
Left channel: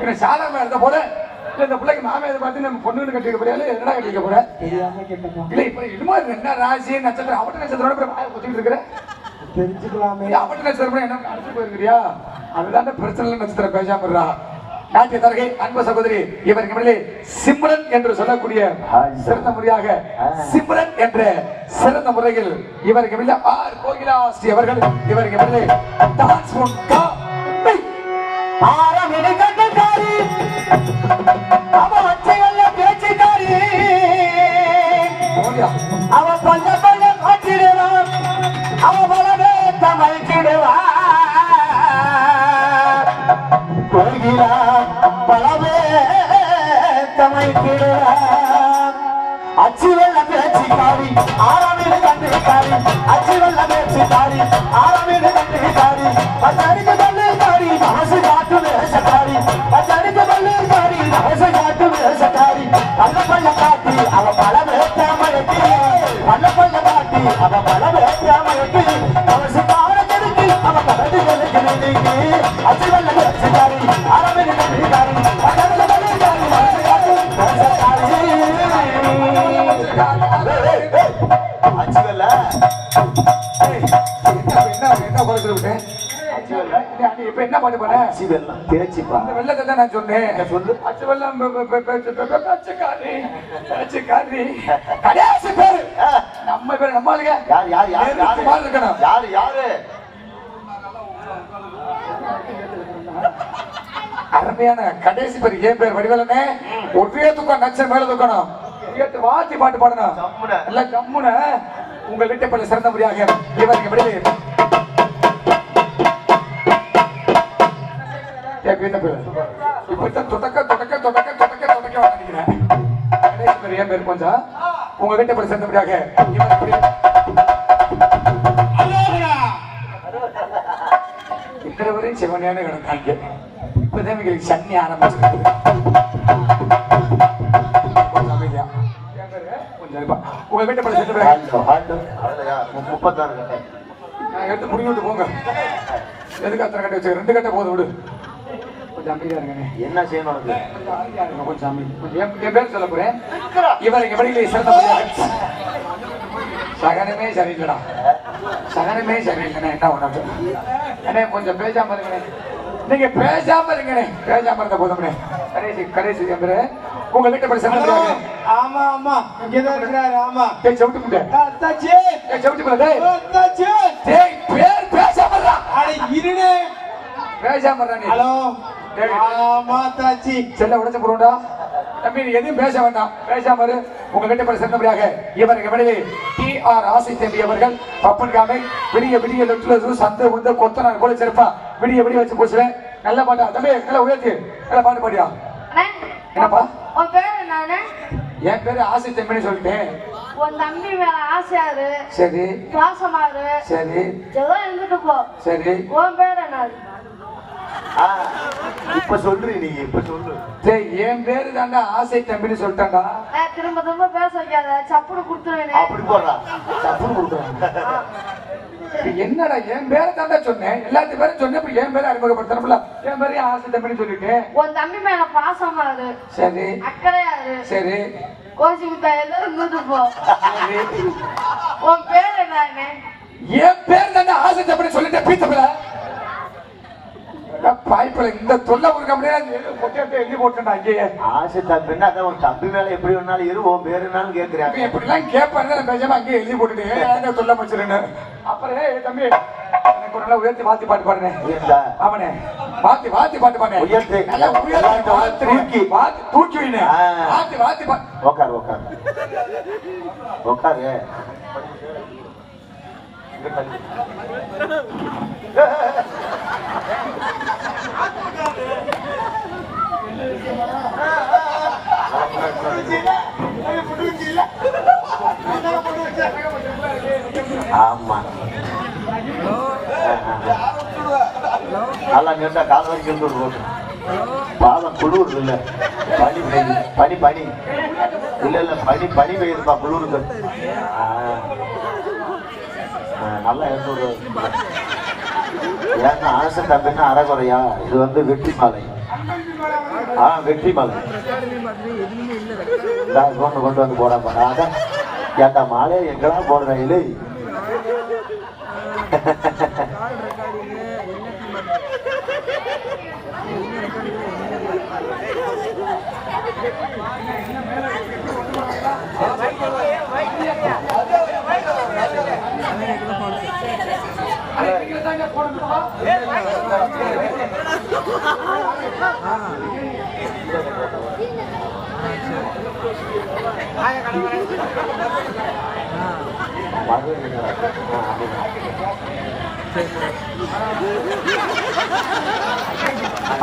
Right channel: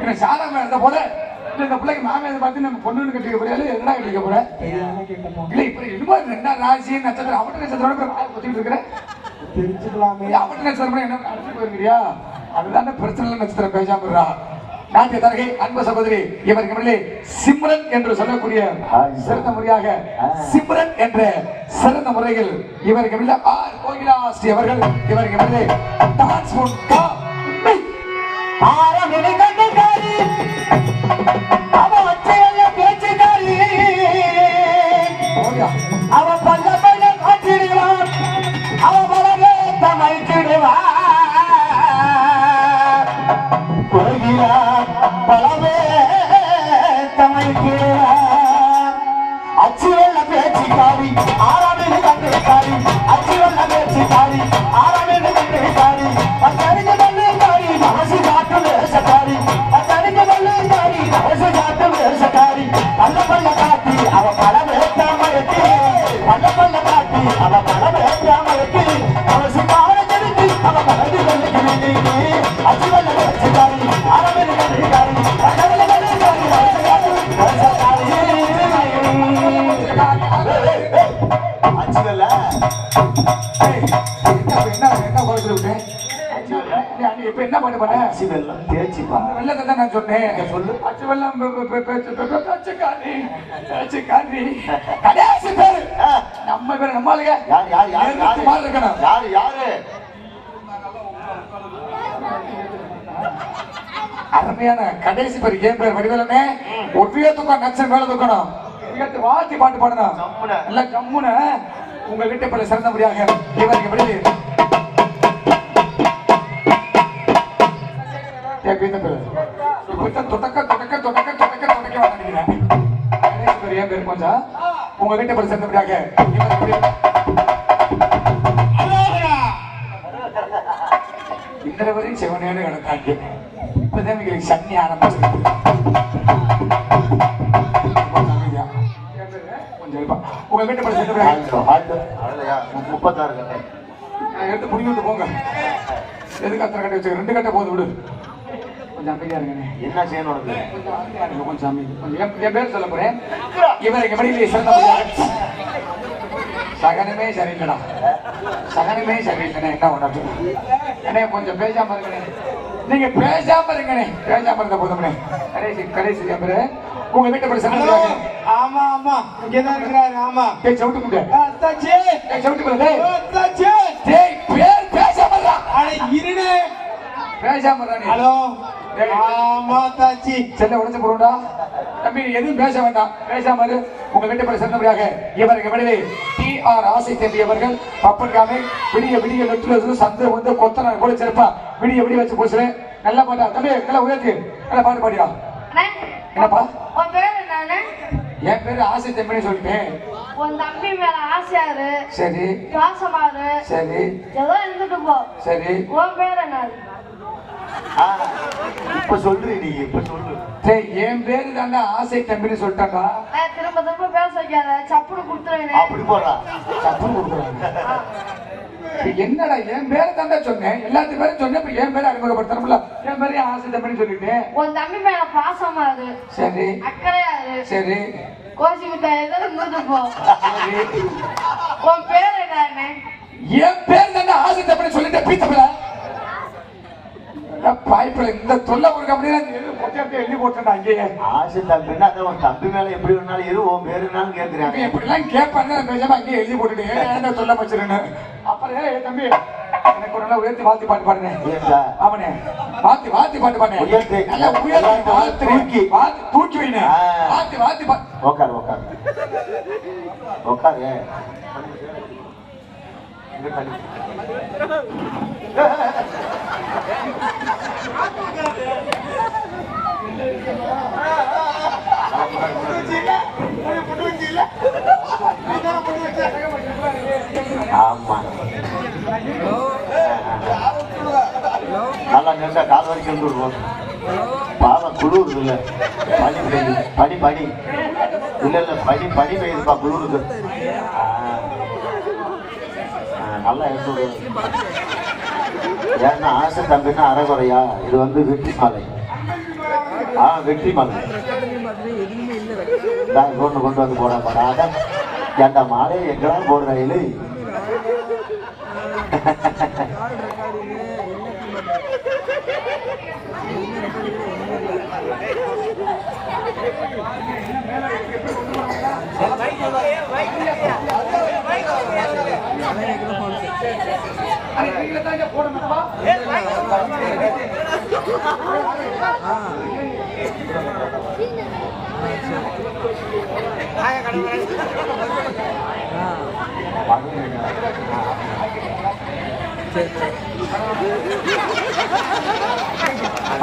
என்ன சாதகமா இருந்த போல இல்ல இந்த பிள்ளைக்கு மாமே இதை பார்த்து நம்ம பொண்ணு கட்டிக்க போறியால எதுனா கட்டிக்க போற இல்ல இப்ப இது மாதிரி என்ன ராசி நட்சத்திரம் அவட்ட நட்சத்திரம் குத்திட்டு இருக்கிற தெரிஞ்சுக்கலாமே. அவட்ட நட்சத்திரம் என்ன அழைச்சு போயிருக்கிறியா? அதுதான் பிரச்சனை. நட்சத்திரம் பேசாம நாட்டிய தரகை அன்பு சகோதரி இவருக்கு மேலே சிம்ரன் என்று சொல்லக்கூடிய சிறந்த முறையாக சிம்ரன் என்ற சிறந்த முறையில் இவருக்கு மேலே ஆர் கோகிலாஸ்ரீ அவர்கள் இவருக்கு மேலே டான்ஸ் அவன் பல்ல பல்ல கட்டிடுவான், அவன் பலவே தமிழ்த்திடுவான். பலவே தமிழ்த்திடுவான். அச்சு வெள்ள பேச்சுக்காரி ஆறாவில் கண்டுகாரி, அச்சு வெள்ள பேச்சுக்காரி ஆறாவில் கண்டுகாரி, பத்தடிக்க வல்லுக்காரி மனசு காட்டு வேஷக்காரி, பத்தடிக்க வல்லுக்காரி மனசு காட்டு வேஷக்காரி. பல்ல பல்ல காட்டி அவ பல வேட்டாமருக்கு, பல்ல பல்ல காட்டி அவ பல வேட்டாமருக்கு, அவசு பாடத்திற்கு அவ மனது கொள்ளுகிறீங்க. அச்சு வெள்ள பேச்சுக்காரி ஆறாவில் கண்டுகாரி, இப்ப என்ன பண்ண அந்த வெள்ளத்தை தான் நான் சொன்னேன். அச்சு வெள்ளம் கடைசி பேரு நம்ம பேரு நம்மளுங்க இருக்கணும். அருமையான கடைசி பேர் ஏன் பேர் வடிவலனே ஒரே தூக்கம் நச்சன் மேல தூக்கணும். வாத்தி பாட்டு பாடணும் இல்ல கம்முன உங்க வீட்டை பல சிறந்த முறையாக இவருக்கு விடுது. இப்ப தொடக்க தொடக்க தொடக்க தொடக்க தொடக்க வாங்கிக்கிறேன். ஏன் பேர் கொஞ்சம் உங்க வீட்டை பல சிறந்த முறையாக இன்றைய வரை செவனையான கணக்காங்க. இப்பதான் எங்களுக்கு சன்னி ஆரம்பிச்சிருக்கு. உங்க வீட்டை பல சிறந்த எடுத்து புடிங்க விட்டு போங்க. எதுக்கு அத்தனை கட்ட வச்சு 2 கட்ட போது விடு. கொஞ்சம் அமைதியா இருங்க. என்ன செய்யணும் உனக்கு? கொஞ்சம் அமைதி. என் பேர் சொல்ல போறேன். இவருக்கு எப்படி சிறந்த சகனமே சரியில்லடா, சகனமே சரியில்லைண்ணே. என்ன ஒண்ணு அண்ணே கொஞ்சம் பேசாம இருங்கண்ணே. நீங்க பேசாம இருங்கண்ணே. பேசாம இருந்த போதும்ண்ணே. கடைசி கடைசி உங்க வீட்டை படி சிறந்த. ஆமா ஆமா இங்கதான் இருக்கிறாரு. ஆமா செவிட்டு இருடே பேசாம ஹலோ. ஆமா தாச்சி செல்ல உடைச்சு போடுடா தம்பி. எதுவும் பேச வேண்டாம், பேசாம இரு. உங்க வீட்டை படி சிறந்தபடியாக இவருக்கு விடுவி TR ஆசை தேவி அவர்கள் பப்பன்காமை விடிய விடிய லொட்டு சந்தை வந்து கொத்தனார் போல சிறப்பா விடிய விடிய வச்சு போச்சுவேன். நல்ல பாட்டா தம்பி, நல்லா உயர்த்து, நல்ல பாட்டு பாடியா. என்னப்பா என் பேரு ஆசை தம்பின்னு சொல்லிட்டேன். உன் தம்பி மேல ஆசையாரு, சரி பாசமாரு, சரி ஏதோ இருந்துட்டு போ. சரி. உன் பேர் என்ன? இப்ப சொல்றீ நீ, இப்ப சொல்லு. சரி, என் பேரு தாண்டா ஆசை தம்பின்னு சொல்லிட்டாண்டா. திரும்ப திரும்ப பேச வைக்காத, சப்புனு குடுத்துருவேன். அப்படி போடுறா, சப்புன்னு கொடுக்குறேன். என்னடா என் பேரை தாண்டா சொன்னேன், எல்லாத்து பேரும் சொன்னேன். இப்ப என் பேரை அறிமுகப்படுத்தணும்ல. என் பேரு ஆசை தம்பின்னு சொல்லிட்டேன். உன் தம்பி மேல பாசமாரு, சரி அக்கறையாரு, சரி கோச்சிக்கிட்ட எல்லாம் இருந்துட்டு போ. உன் பேர் என்ன? என் பேர் தாண்டா ஆசை தம்பின்னு சொல்லிட்டேன். பீத்தப்பல பாய்ப்பில் இந்த தொல்லை கொடுக்க முடியாது. எழுதி போட்டுருந்தாங்க. ஆசை தம்பின்னா அதான் உன் தம்பி மேல எப்படி வேணாலும் இரு, உன் பேருனாலும் கேட்கிறேன். இப்படி எல்லாம் கேட்பாங்க. பேசாம அங்கேயே எழுதி போட்டுட்டு சொல்ல வச்சிருக்கேன். அப்புறம் தம்பி எனக்கு ஒரு நாள் உயர்த்தி வாத்தி பாட்டு பாடுனேன். ஆமாண்ணே, வாத்தி வாத்தி பாட்டு பாடுனேன். நல்லா உயர்த்தி வாத்தி வாத்தி தூக்கி வைங்க. வாத்தி வாத்தி உக்கார் உக்கார் உக்காரு. ஆமா, நல்லா கேட்டா கால் வரைக்கும் பாலம் குளிர் இல்ல, பனி பெய்யுது. பனி பனி இல்ல இல்ல பனி பனி பெய்யுதுப்பா, குளிருக்கு. நல்லா இருந்து. ஏன்னா ஆசை தம்பின்னா அறகுறையா, இது வந்து வெற்றி மாலை. வெற்றி மாலை கொண்டு வந்து போடாம ஏன்டா மாலையை எங்கெல்லாம் போடுறேன் இல்லை.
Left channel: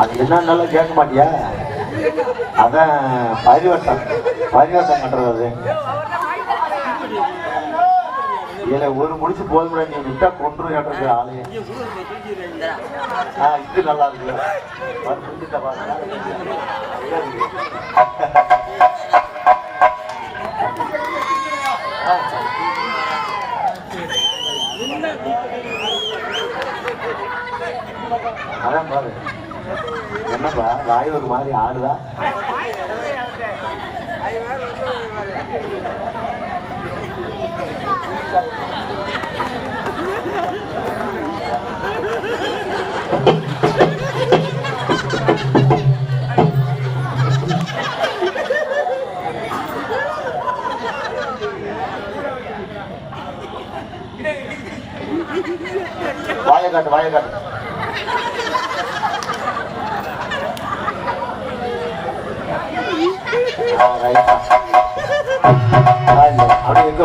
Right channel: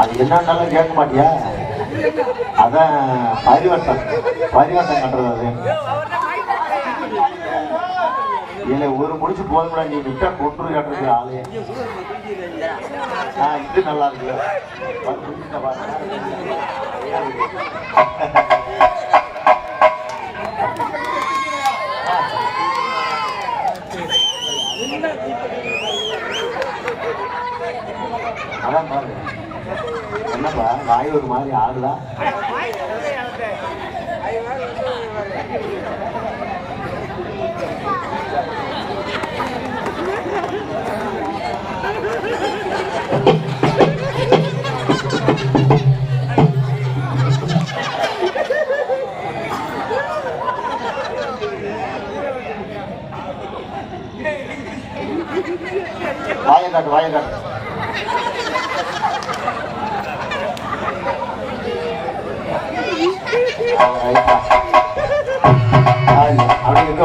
அது என்னன்னாலும் கேட்க மாட்டியா? அதான் பரிவட்டம் கட்டுறது. இதுல ஒரு முடிச்சு போதும், நீ விட்டா கொண்டு கட்டுறது ஆளு. இது நல்லா இருக்குல்ல. அதான் பாரு, என்ன பண்ண வாய் ஒரு மாதிரி ஆடுதா. வாயை காட்டு. அப்படி எங்க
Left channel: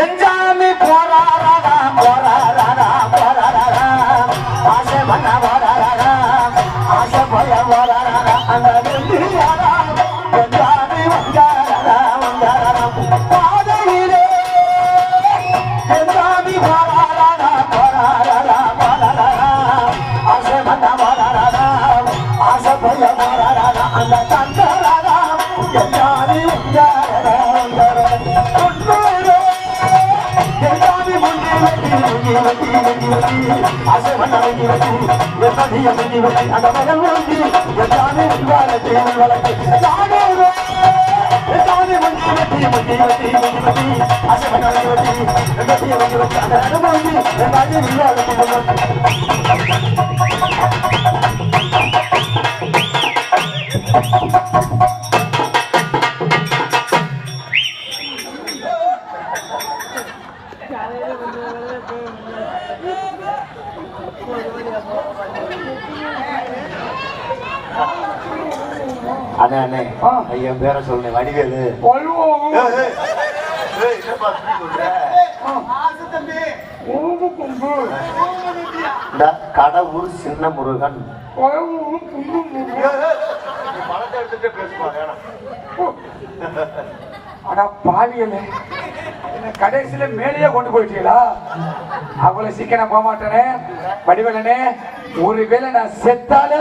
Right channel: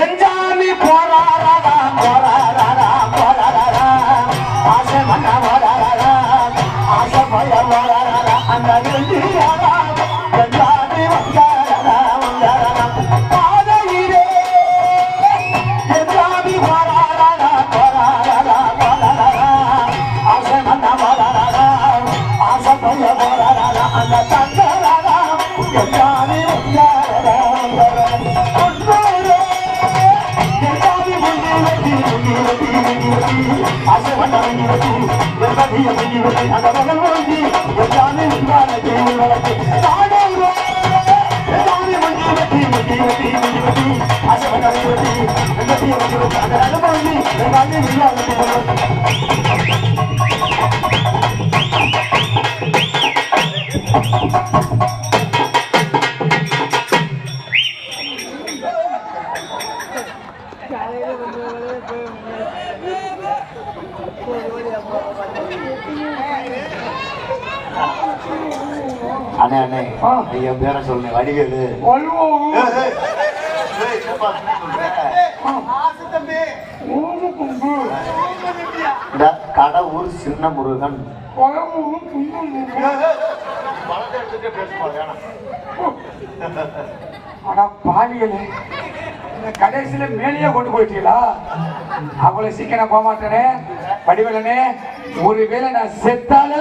எஞ்சாமி அண்ணே அண்ணே என் பேரை சொல்லுங்க, வடிவேலு. கடவுள் சின்ன முருகன் ஆனா பாலியலே கடைசியில மேலேயே கொண்டு போயிட்டீங்களா? அவ்வளவு சீக்கிரம் போக மாட்டேனே வடிவலனே. ஒருவேளை நான் செத்தால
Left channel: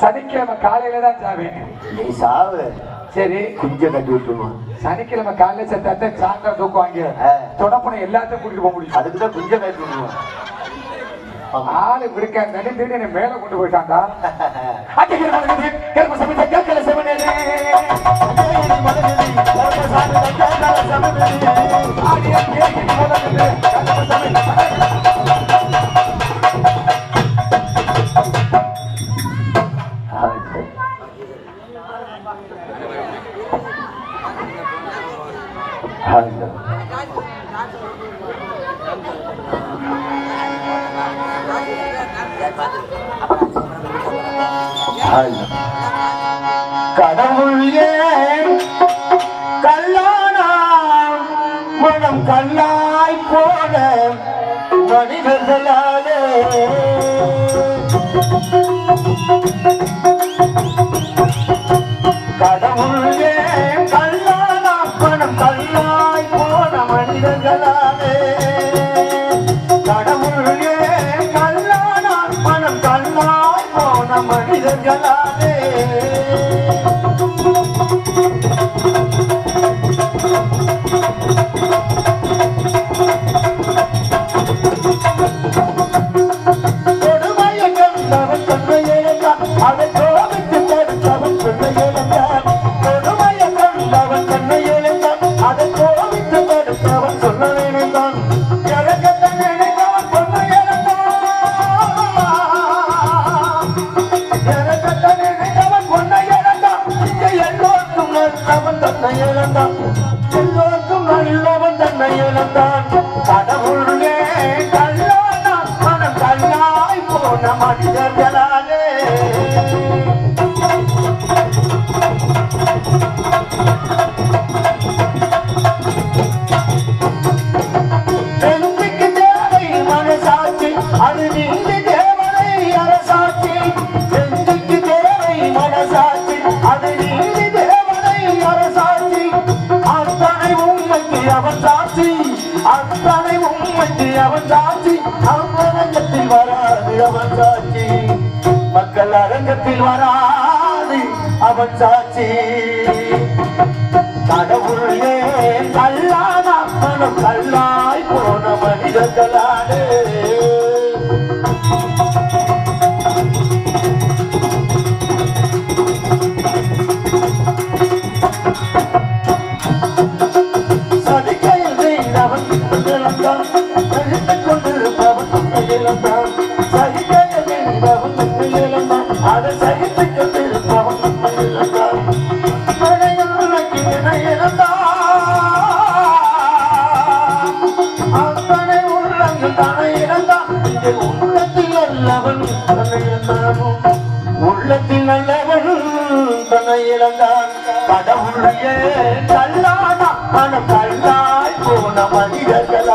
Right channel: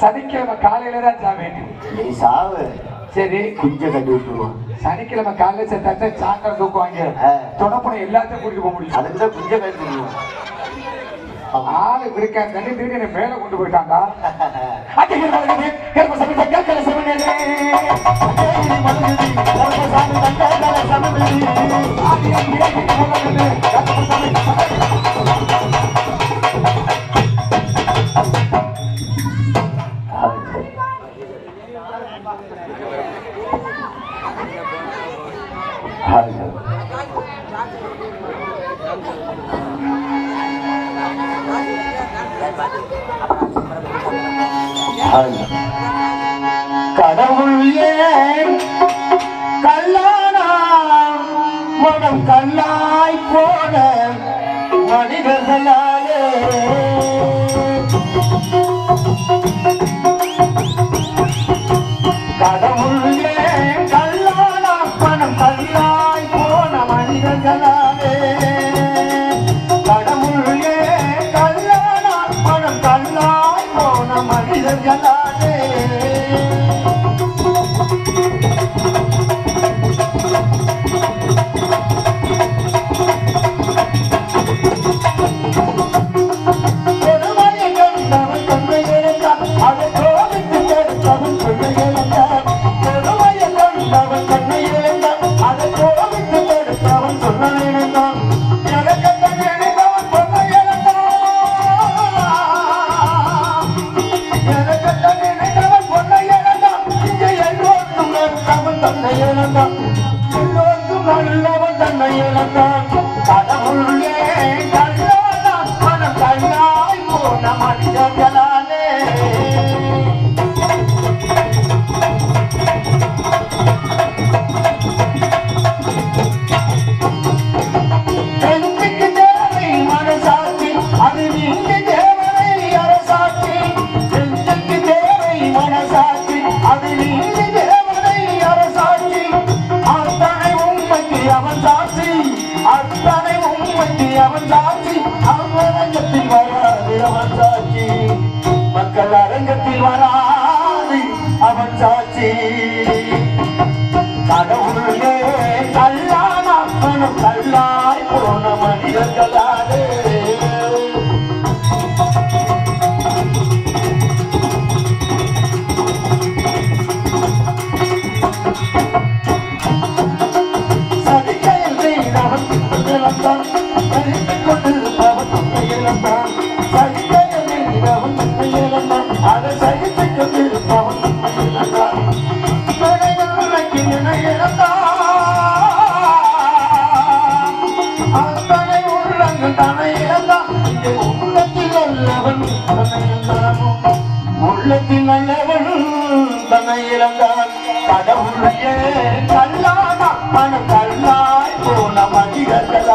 சனிக்கிழமை காலையில தான் சாவேன். நீ சாவு. சரி, குஞ்ச கட்டி விட்டுருவோம். சனிக்கிழமை காலையில செத்தாத்த சாக்கா தூக்குவாங்க. தொடப்பனை எல்லாத்தையும் கூட்டிட்டு போக முடியும். அதுக்குதான் குஞ்ச கட்டி ஆளு இருக்க தண்ணி தீட்டு என்ன மேல கொண்டு போயிட்டாங்க. கடவுள் ஏன் கல்லானா மனம் கல்லாய் போன மனிதர்களாலே கடவுள் ஏன் கல்லானா மனம் கல்லாய் போன மனிதர்களாலே கடவுள் ஏன் கல்லானா மனம் கல்லாய் போன மனிதர்களாலே மக்கள் அரங்கத்தில் வராது அவன் சாட்சி கடவுளே கல்லான மனம் கல்லாய் போன மனிதர்களாலே உள்ளத்தில் நல்லவன் தன்னை இழந்தான் கடவுளையே கல்லான மனம் கல்லாய் போன மனிதர்கள்